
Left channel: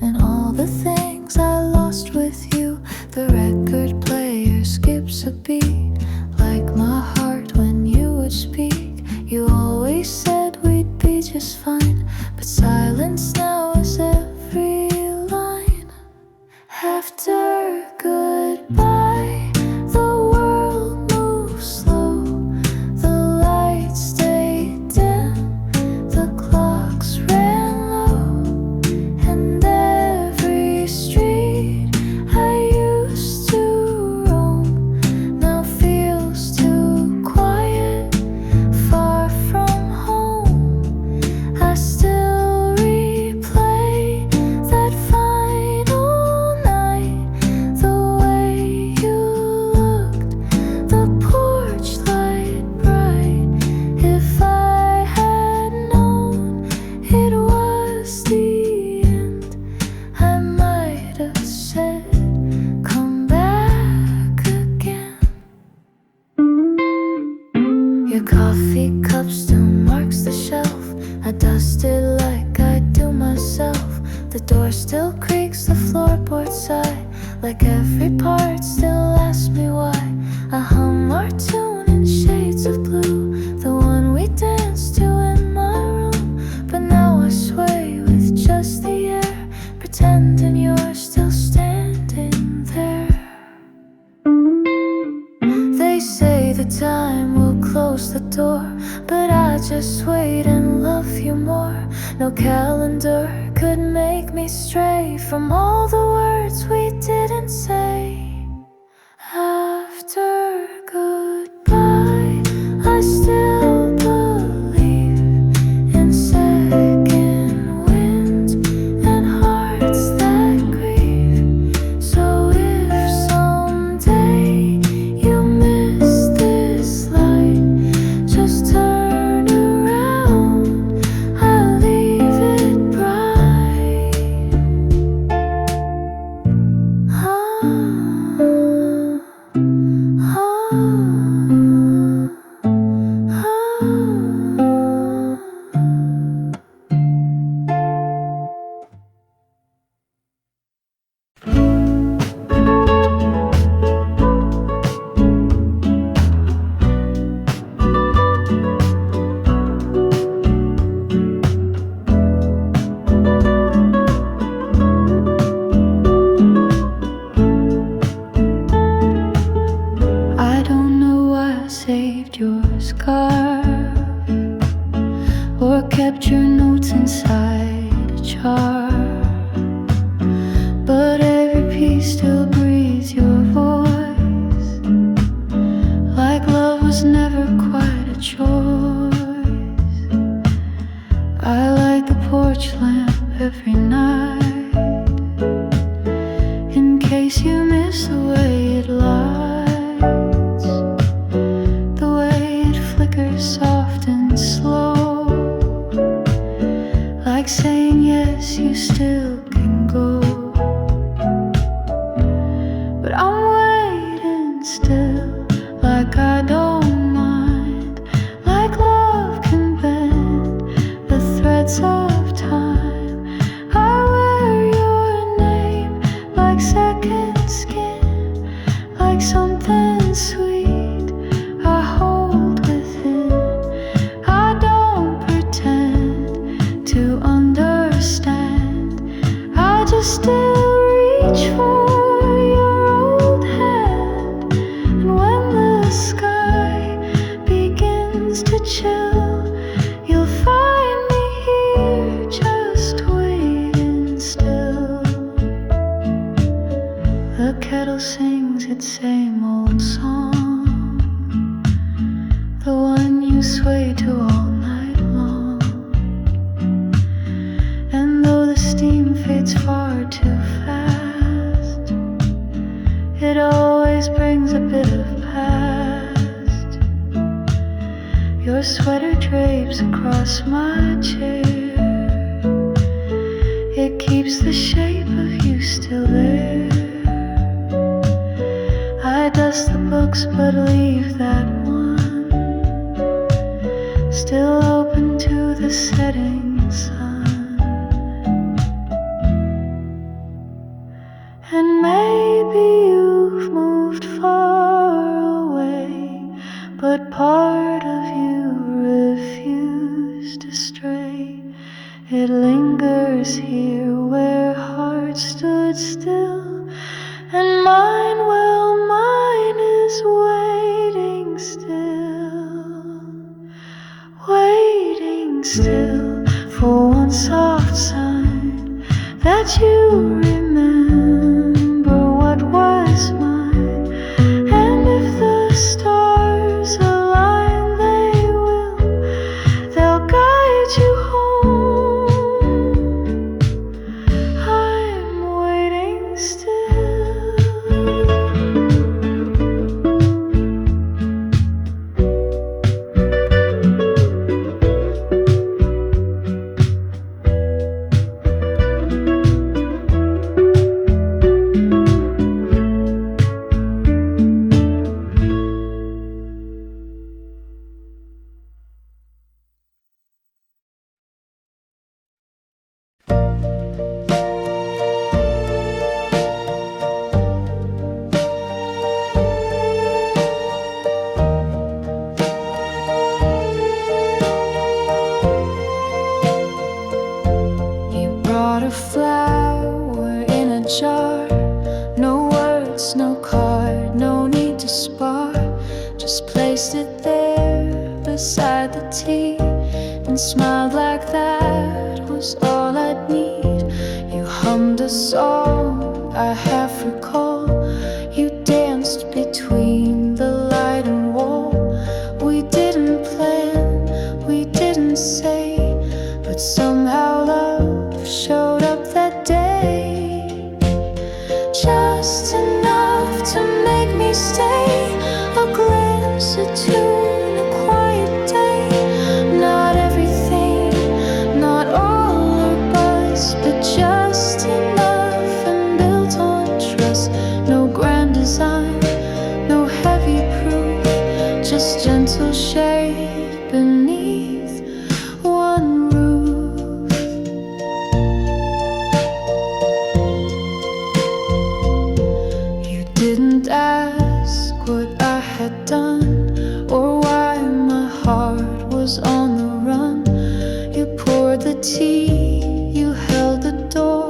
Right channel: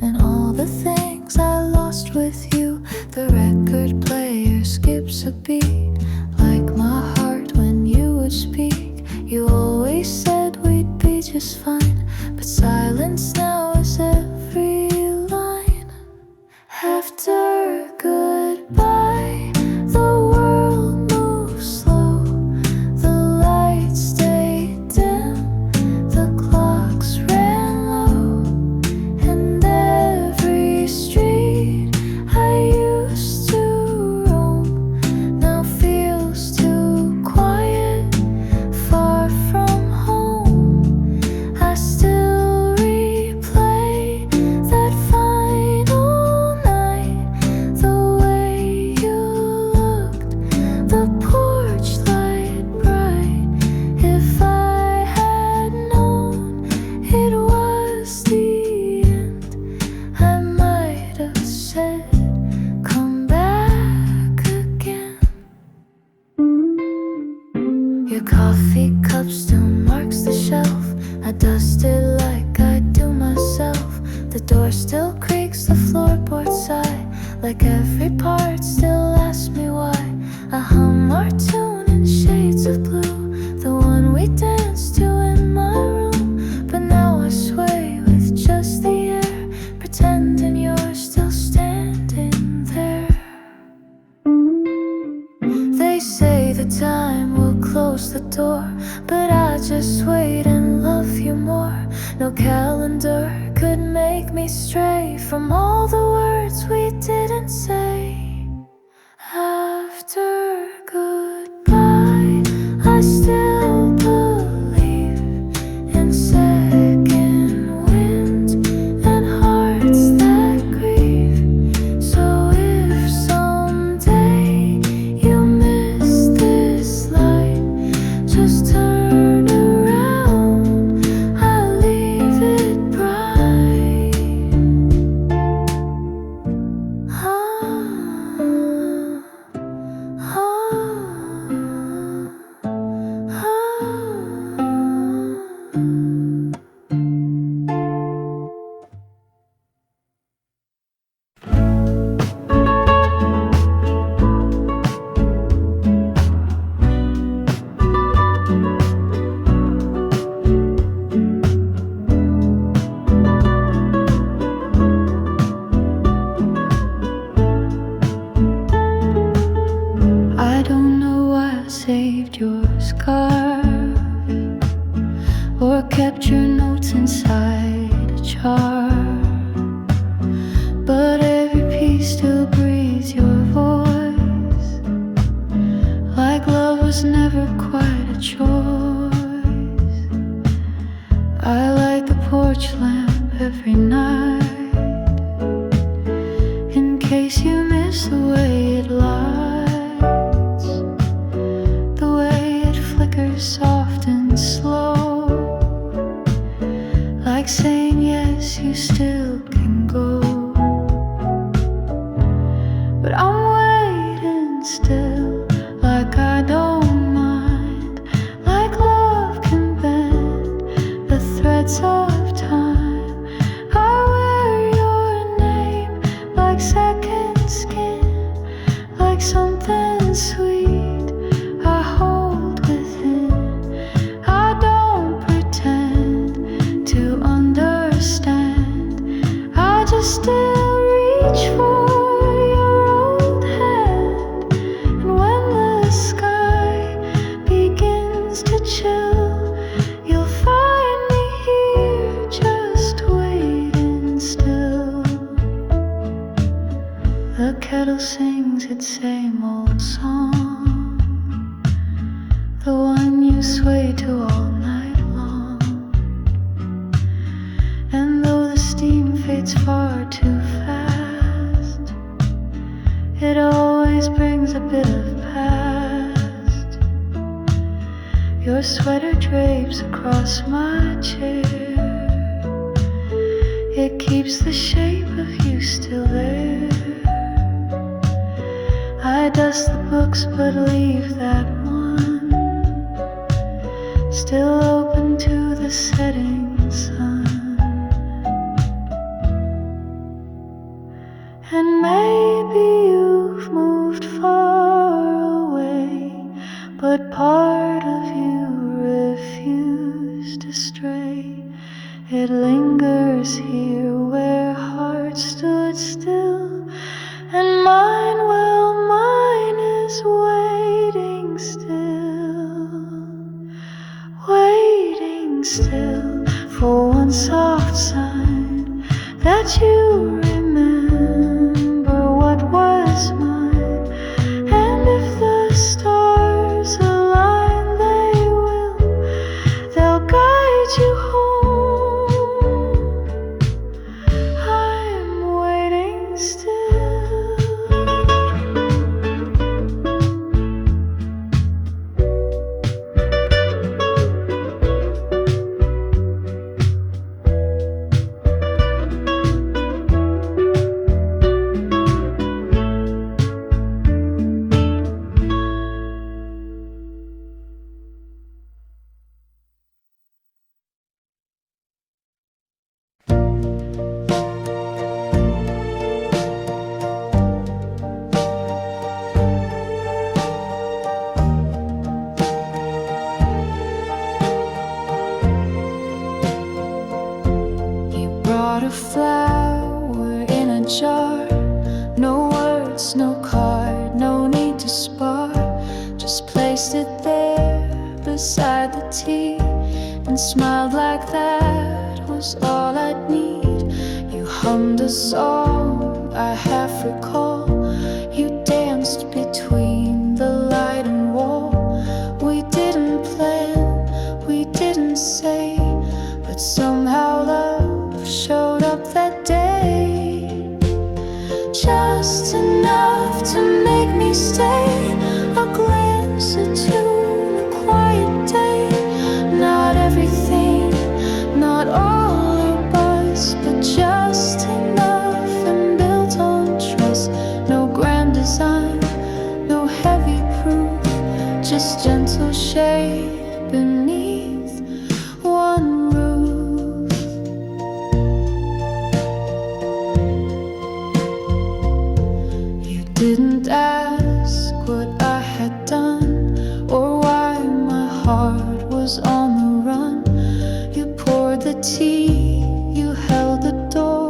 and all the things I lost with you. The record player skips a beat, like my heart when you would speak. You always said we'd be just fine, but silence now is every line. After goodbye, the world moves slow, the lights stay dim, the clocks ran low, and every street I used to roam now feels too quiet, far from home. I still replay that final night, the way you looked, the porch light bright. If I had known it was the end, I might have said, come back again. Your coffee cup still marks the shelf. I dust it like I do myself. The door still creaks, the floorboards sigh, like every part still asks me why. I hum our tune in shades of blue, the one we danced to in my room. But now I sway with just the air, pretending you're still standing there. They say the time will close the door, but I just wait and love you more. No calendar could make me stray from all the words we didn't say. After goodbye, I still believe in second winds and hearts that grieve. So if someday you miss this light, just turn around, I'll leave it bright. I don't know why I saved your scarf or kept your notes inside a jar, but every piece still breathes your voice, like love was never quite a choice. I light the porch lamp every night, in case you miss the way it lights, the way it flickers soft and slow, like saying yes, you still can go. But I'm waiting still, like I don't mind, like love can bend the threads of time. I wear your name like second skin, like something sweet I hold within. I don't pretend to understand, I just still reach for your old hand. And when the sky begins to chill, you'll find me here just waiting still. The kettle sings its same old song, the one you sway to all night long. And though the steam fades far too fast, it always brings a bit of past. Your sweater drapes across my chair, it keeps the shape of you still there. I dust the books but leave that one still open to the setting sun. And maybe you've moved far away, but part of you refused to stray. It lingers here where hearts stood still, and mine, well, mine is waiting still, waiting still for one soft sign that you remember what was mine. And if the stars align, they'll guide you home. I'm waiting still. Brought a flower in a jar. No words, no card, no need to spar. Just placed it there beside the tea and smiled like that was all I'd need. You hummed a song I half recall. You danced between the light and wall. We didn't plan, we didn't say, but somehow love showed up that day. Just enough to make me stay. A glance, a tune, a quiet day. Not everything, not all or buzz, but just enough and built on trust. No grand design, no heavy proof, just gentle shade beneath one roof. You didn't ask what I had done or why my heart was on the run. You poured the tea, you held the door,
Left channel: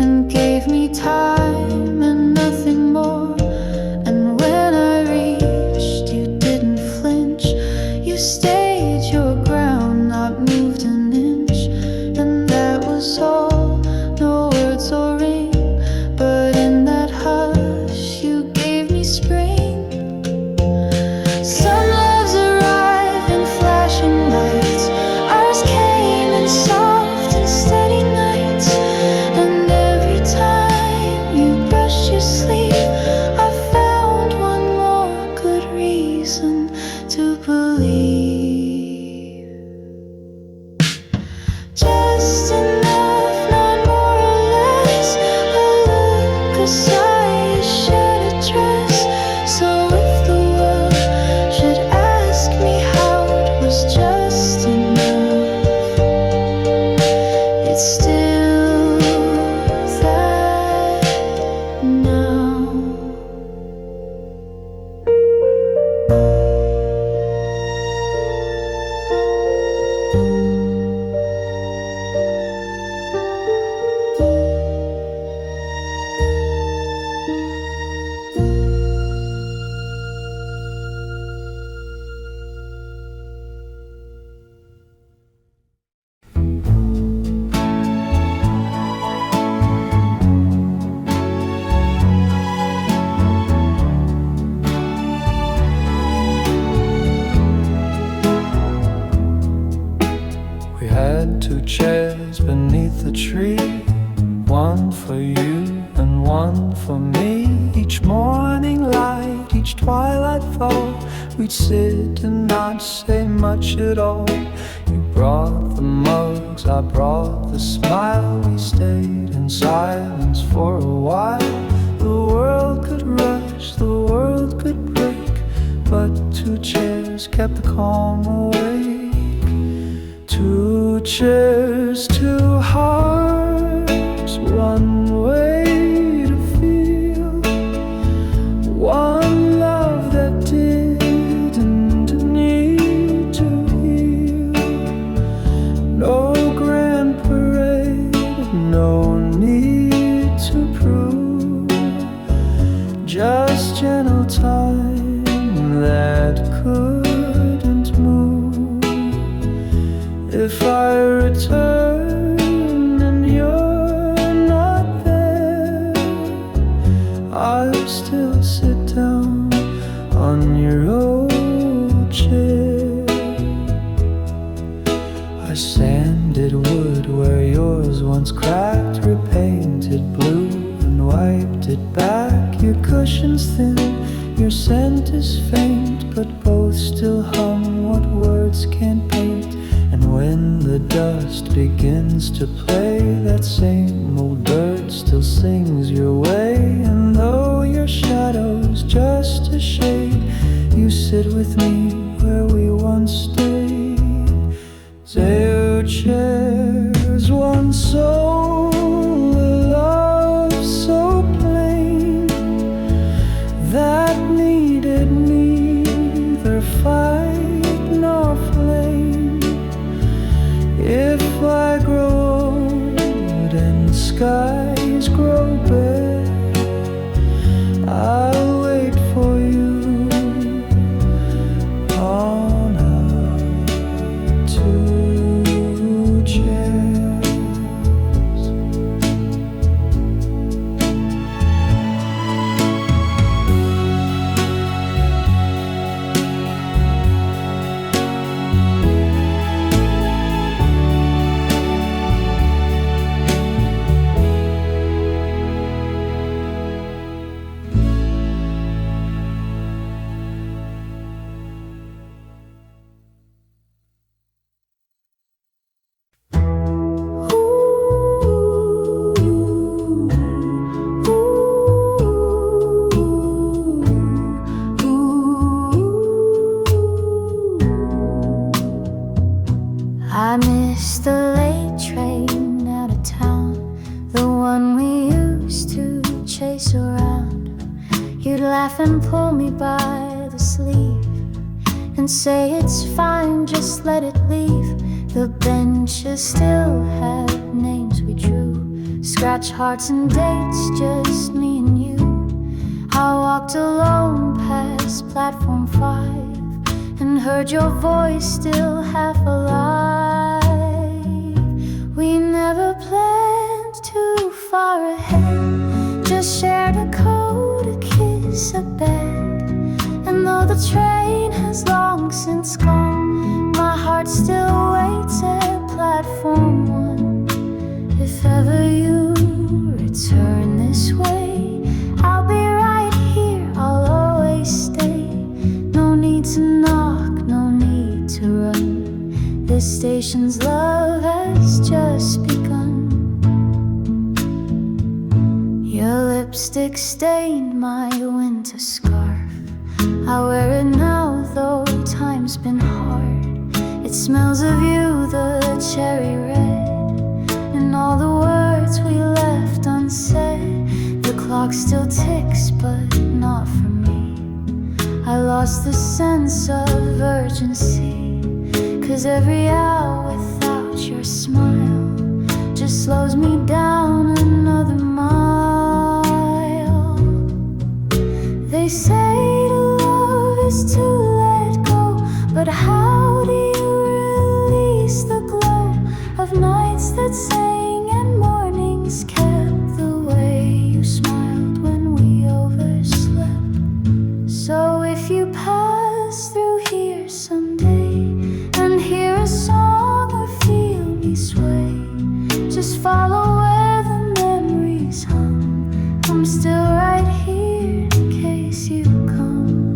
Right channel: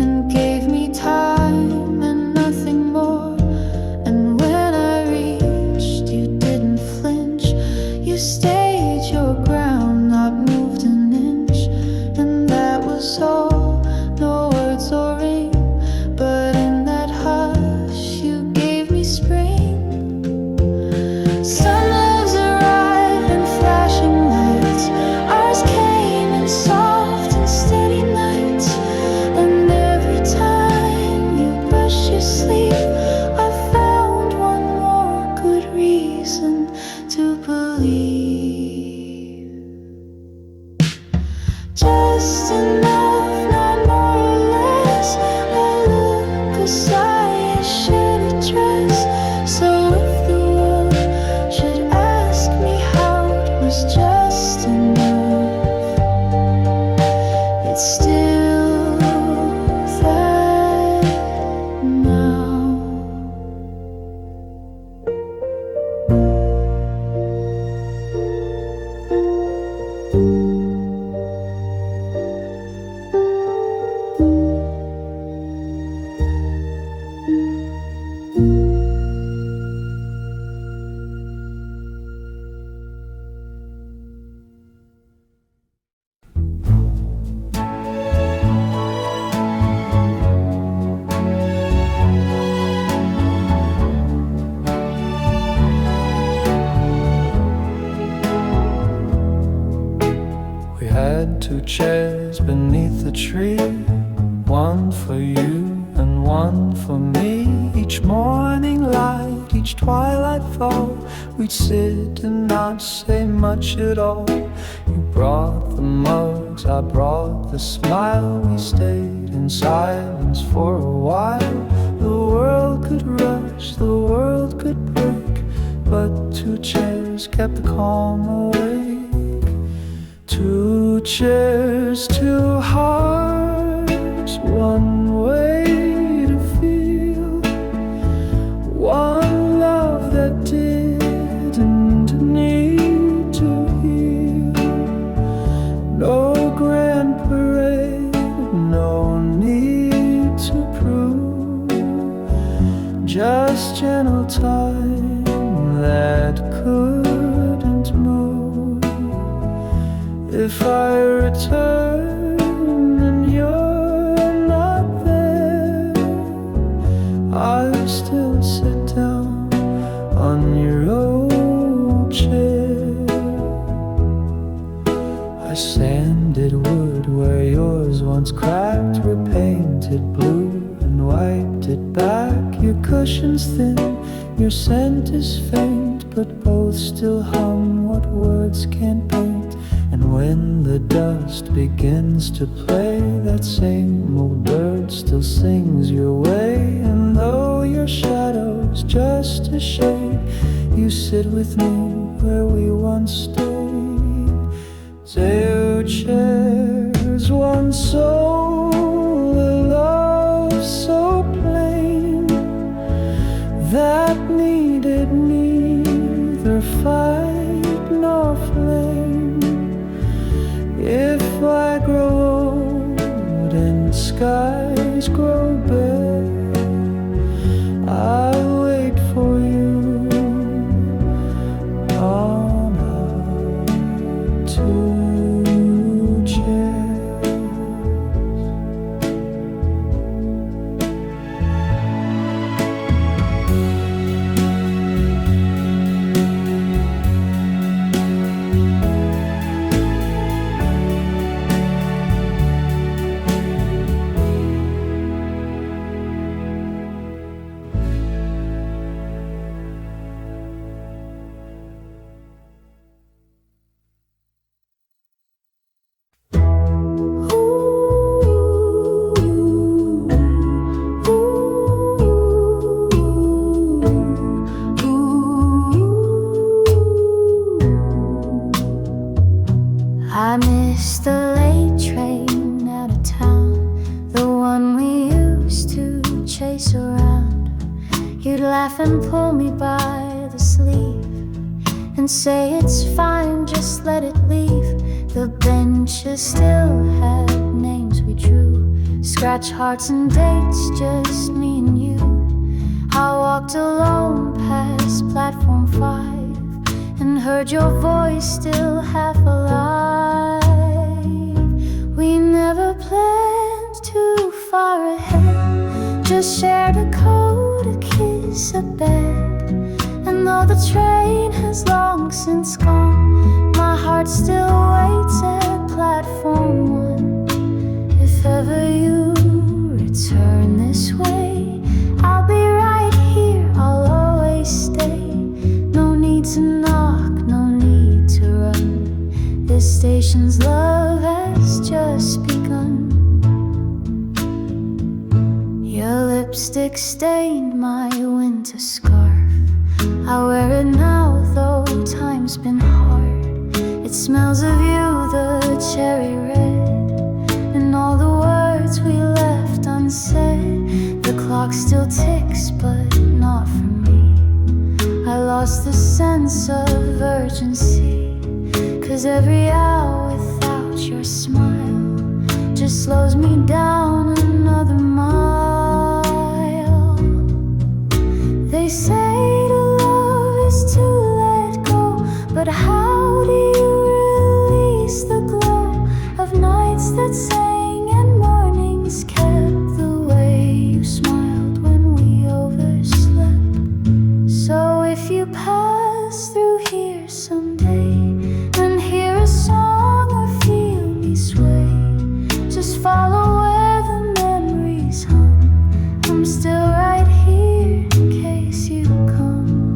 and gave me time and nothing more. And when I reached, you didn't flinch. You stayed your ground, not moved an inch. And that was all, no words or ring, but in that hush you gave me spring. Sun loves arrive in flashing lights. Ours came in soft and steady nights. And every time you brushed your sleeve, I found one more good reason to believe. Just enough, not more or less. A look, a sigh, a shed, a dress. So if the world should ask me how it was just enough, it's still that now. We had 2 chairs beneath the tree, one for you and one for me. Each morning light, each twilight fall, we'd sit and not say much at all. You brought the mugs, I brought the smile. We stayed in silence for a while. The world could rush, the world could break, but 2 chairs kept the calm awake. Two chairs, two hearts, one way to feel, one love that didn't need to heal. No grand parade, no need to prove, just gentle time that couldn't move. If I return and you're not there, I'll still sit down on your old chair. I sanded wood where yours once cracked, repainted blue and wiped it back. Your cushion's thin, your scent is faint, but both still hum what words can't paint. And when the dust begins to play, that same old bird still sings your way. And though your shadow's just a shade, you sit with me where we once stayed. Two chairs, one soul, a love so plain that needed neither fight nor flame. If I grow old and skies grow bare, I'll wait for you on our two chairs. I miss the late train out of town, the one we used to chase around. You'd laugh and pull me by the sleeve and say it's fine, just let it leave. The benches still had names we drew, scratch hearts and dates, just me and you. I walked alone past platform 5 and heard your voice still half alive. We never planned too far ahead, just shared a coat, a kiss, a bed. And though the train has long since gone, my heart still waits at platform 1. If ever you return this way, I'll be right here, I'll always stay. No need to knock, no need to run, this station's love has just begun. Your lipstick stained my winter scarf, I wear it now though time's been hard. It smells of you, the cherry red, and all the words we left unsaid. The clock still ticks but not for me, I lost the sense of urgency, 'cause every hour without your smile just slows me down another mile. They say to love is to let go, but how do you release the glow of nights that sang and mornings kept, the way you smiled when we overslept? So if you pass through here someday and hear a song or feel me sway, just follow where the memories hum. I'm still right here in case you come.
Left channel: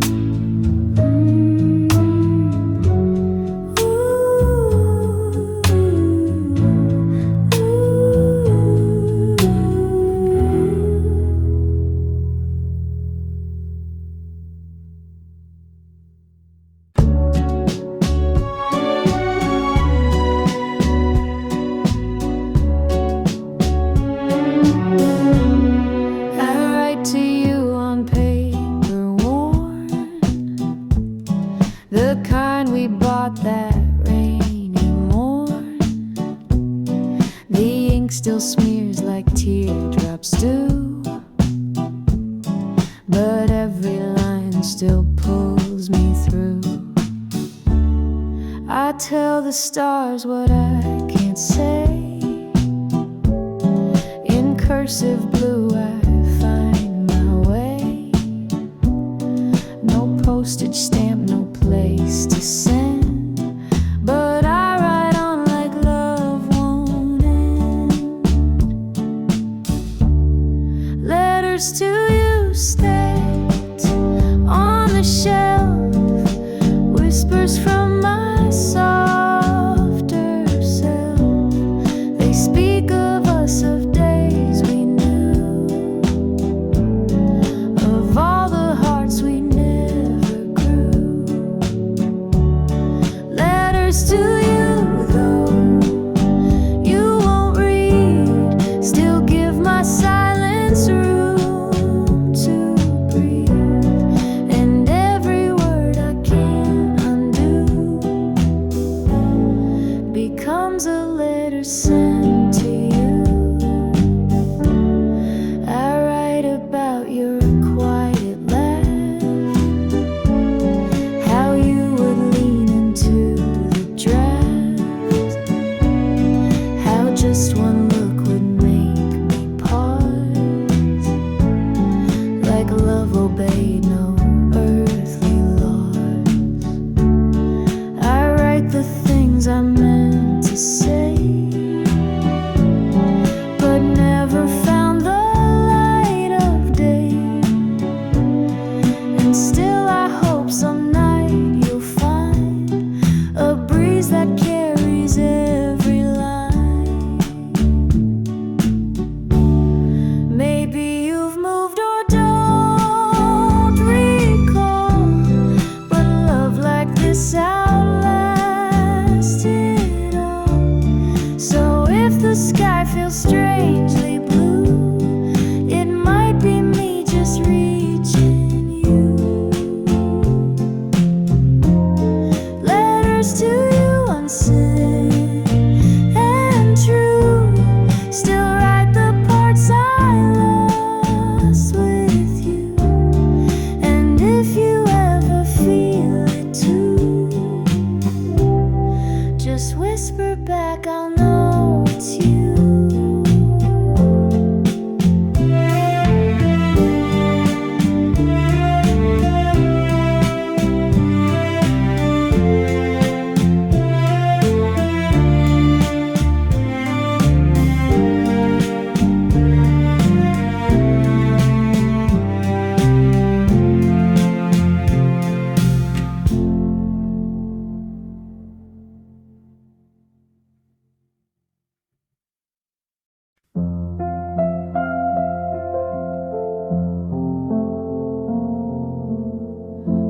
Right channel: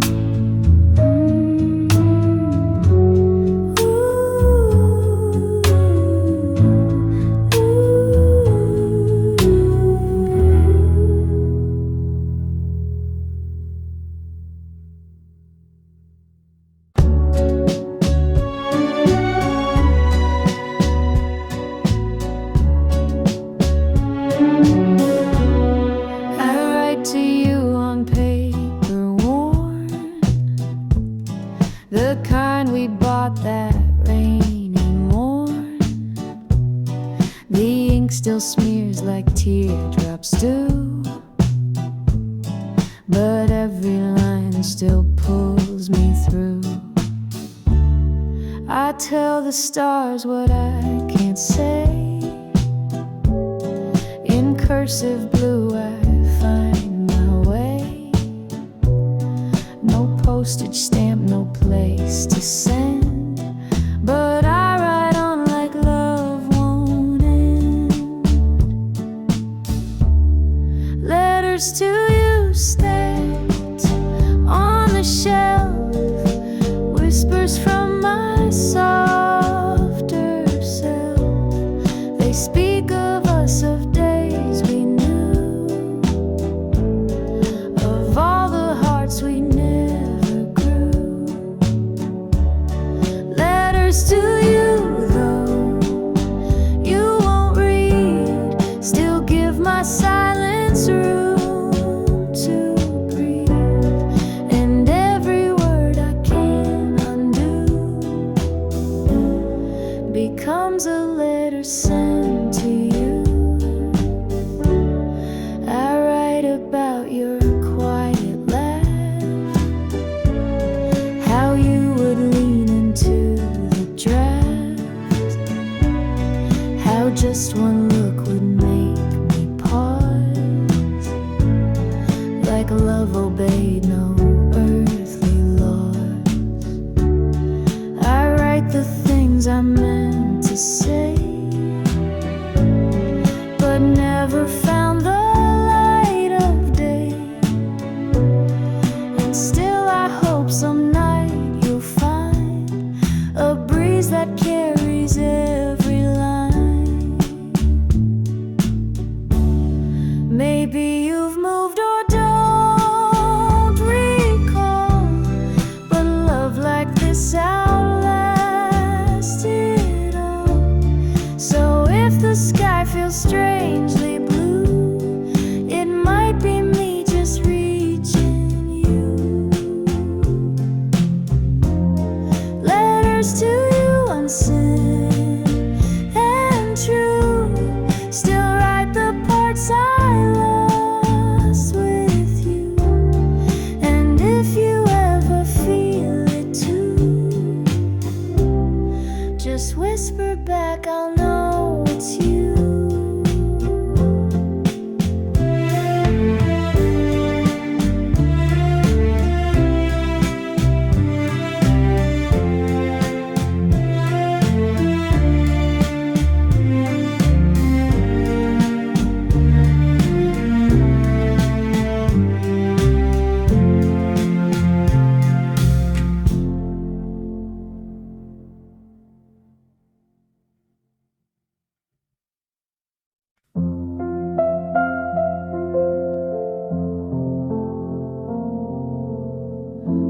The ink still smears like teardrops do, but every line still pulls me through. I tell the stars what I can't say. In cursive blue I find my way. No postage stamp, no place to send, but I write on like love won't end. Letters to you stacked on the shelf, whispers from my softer self. They speak of us, of days we knew, of all the hearts we never grew. Letters to you, though you won't read, still give my silence room to breathe. And every word I can't undo becomes a letter sent to you. I write about your quiet laugh, how you would lean into the draft, how just one look would make me pause, like love obeyed no earthly laws. I write the things I meant to say, but never found the light of day. And still I hope some night you'll find a breeze that carries every line. Maybe you've moved or don't recall, but love like this outlasted all. So if the sky feels strangely blue, it might be me just reaching you. Letters to you unsent and true, still write the parts I lost with you. And if you ever feel it too, just whisper back, I'll know it's you.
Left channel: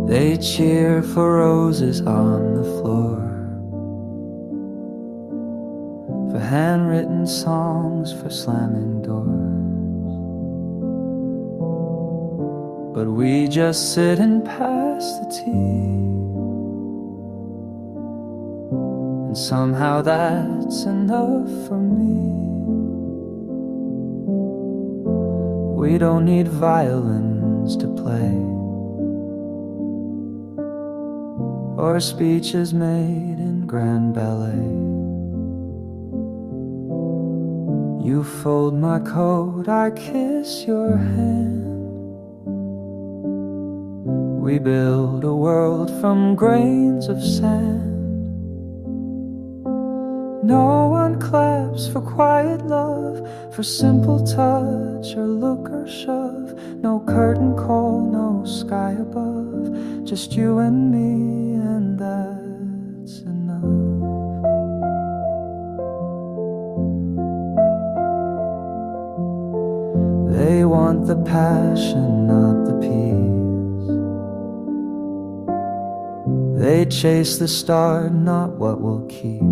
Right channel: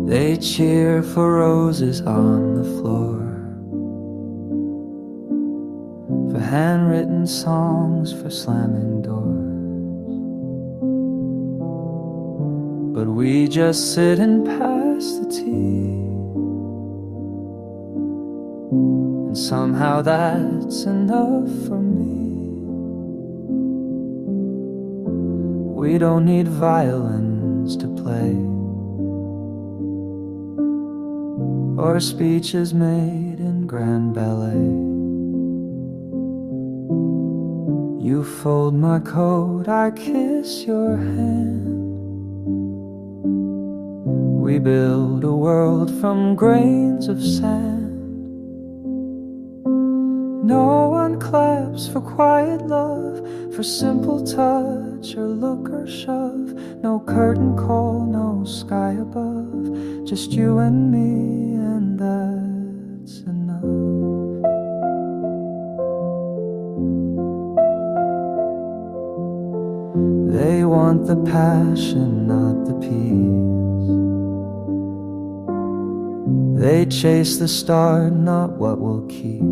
They cheer for roses on the floor, for handwritten songs, for slamming doors. But we just sit and pass the tea, and somehow that's enough for me. We don't need violins to play, or speeches made in grand ballet. You fold my coat, I kiss your hand. We build a world from grains of sand. No one claps for quiet love, for simple touch or look or shove. No curtain call, no sky above, just you and me, and that's enough. They want the passion, not the peace. They chase the star, not what will keep.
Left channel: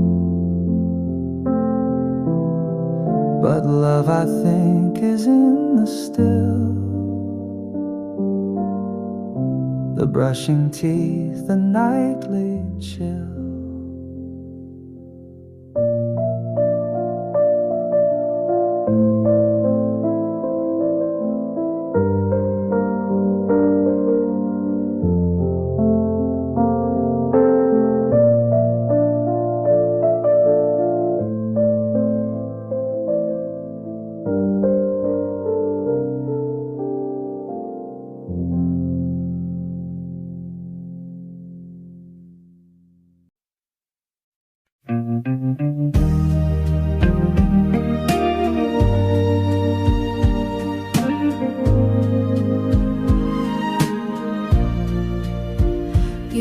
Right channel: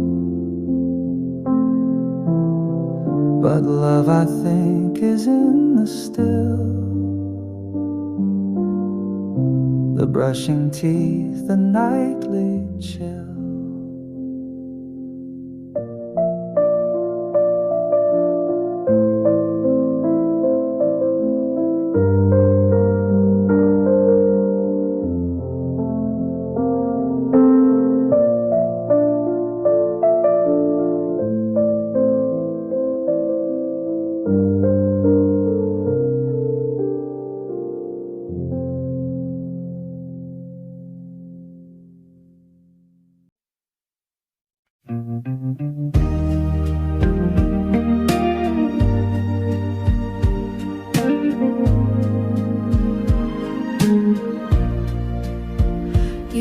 But love, I think, is in the still, the brushing teeth, the nightly chill.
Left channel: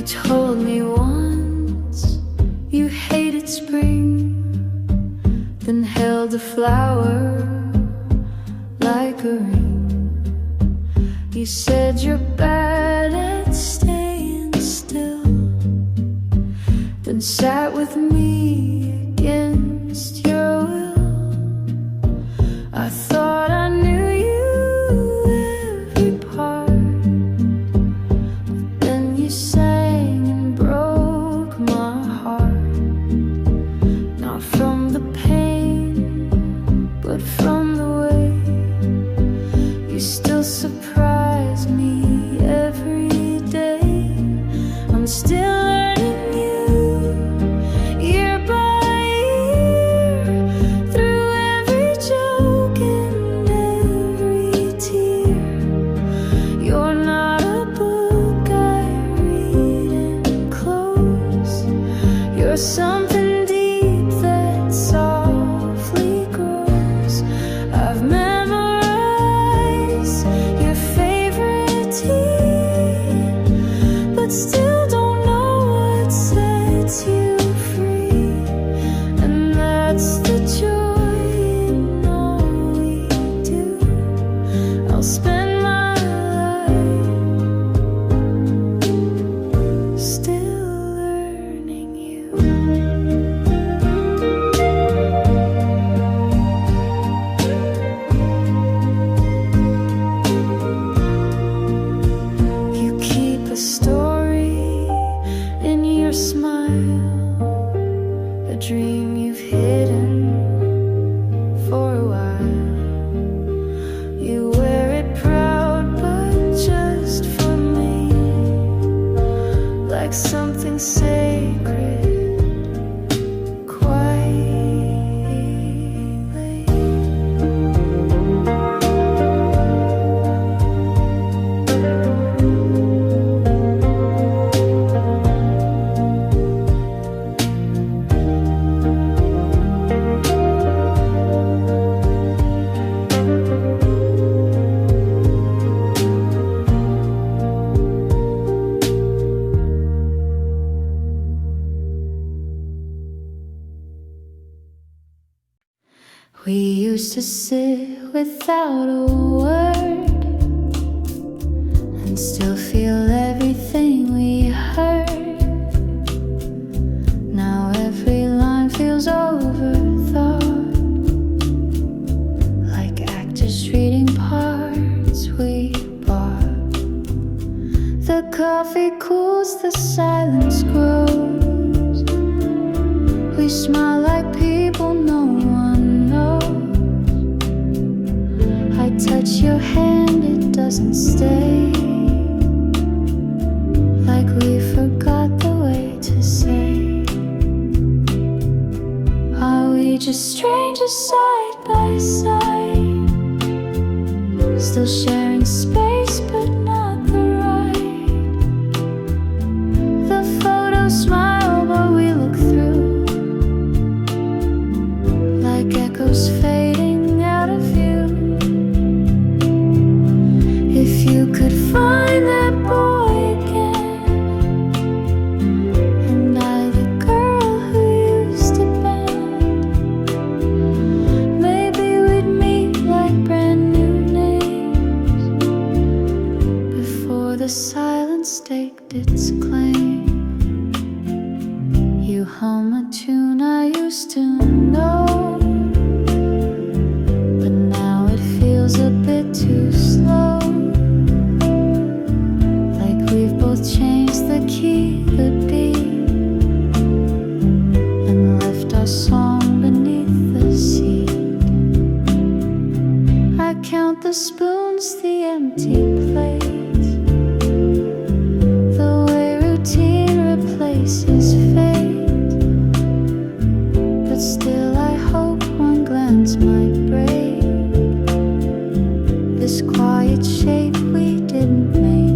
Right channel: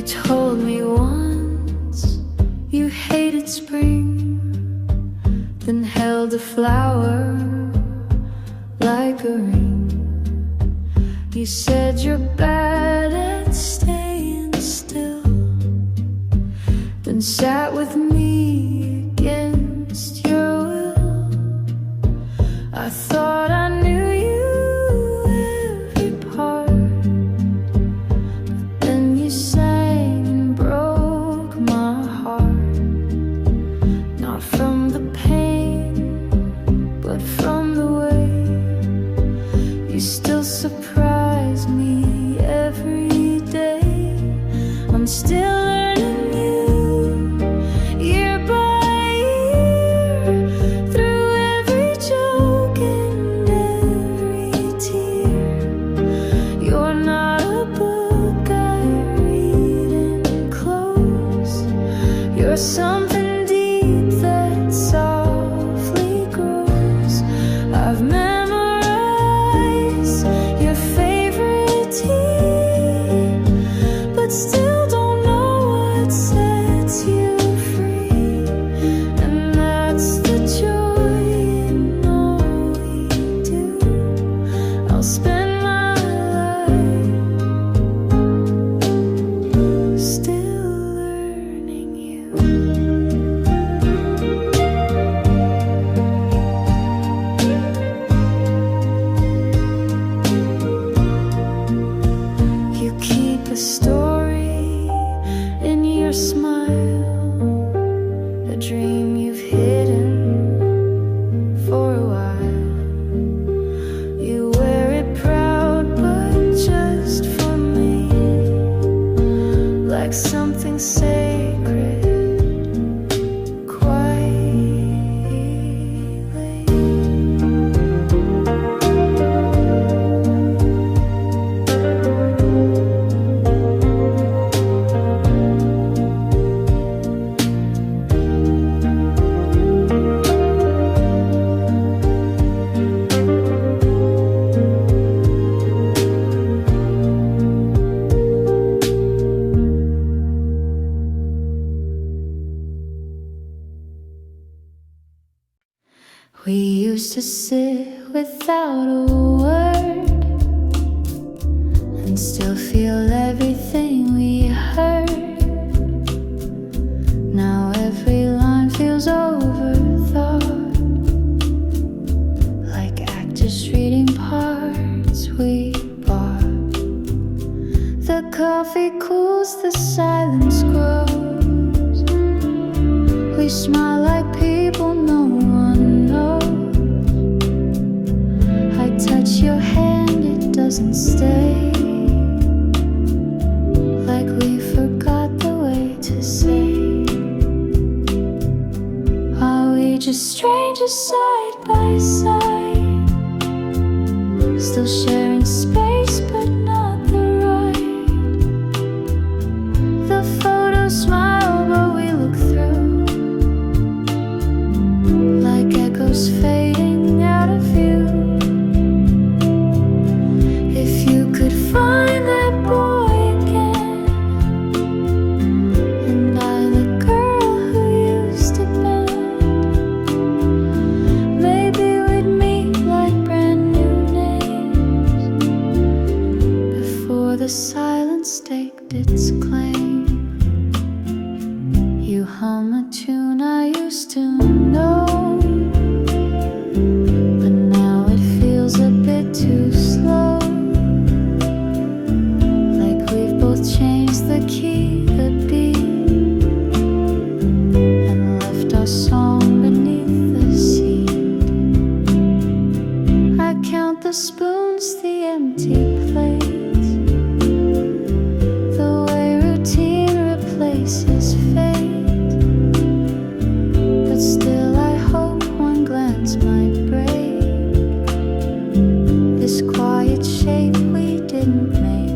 told me once you hated spring, then held a flower like a ring. You said you're bad at staying still, then sat with me against your will. I thought I knew you every part, but then you sang and broke my heart. Not from the pain, but from the way you still surprise me every day. I'm still learning you, year by year, through every joke and every tear. You're not a book I read and close. You're something deep that softly grows. I've memorized your favorite tea, but still don't know what sets you free. And that's the joy in all we do. I'll spend my life still learning you. You keep a story in your smile, a dream you've hidden for a while. You wear it proud, but just for me, like something sacred, quietly. We used to sit without a word and still feel everything we heard. Now every line feels overthought, like actors reading parts we bought. The coffee cools, the silence grows. We smile like people no one knows. I touch your hand, it doesn't stay, like we forgot the way to say. Are we just strangers side by side, still sharing space but not the ride? The photos smile but we look through, like echoes fading out of view. If you could find that boy again, and I the girl who used to bend, maybe we'd meet like brand new names, before the silence staked its claim. You hum a tune I used to know, but now it feels a bit too slow, like we've both changed the key, the beat, and left our song beneath the seat. I count the spoons, the empty plates, the way routine replaces fate. But still I hope one glance might break this quiet shape we didn't make.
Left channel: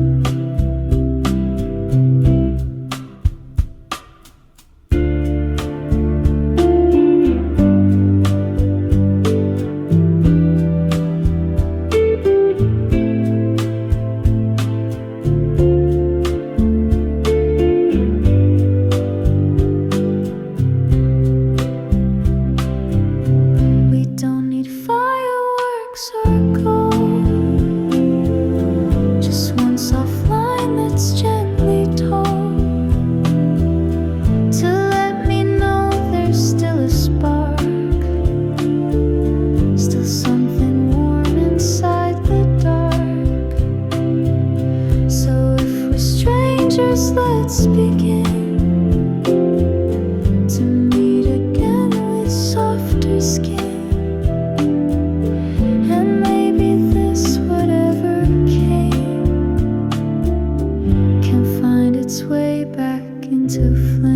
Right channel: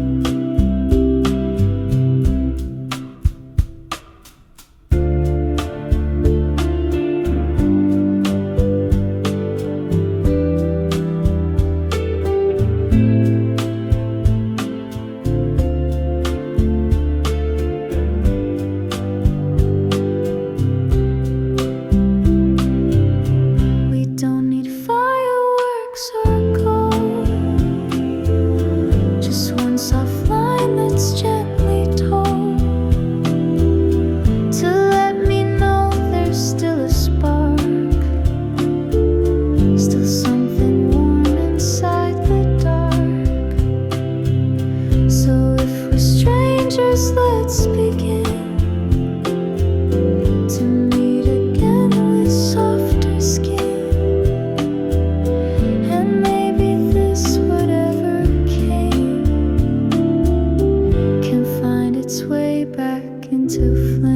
don't need fireworks or gold, just one soft line that's gently told to let me know there's still a spark, still something warm inside the dark. So if we're strangers, let's begin to meet again with softer skin. And maybe this whatever came can find its way back into flame.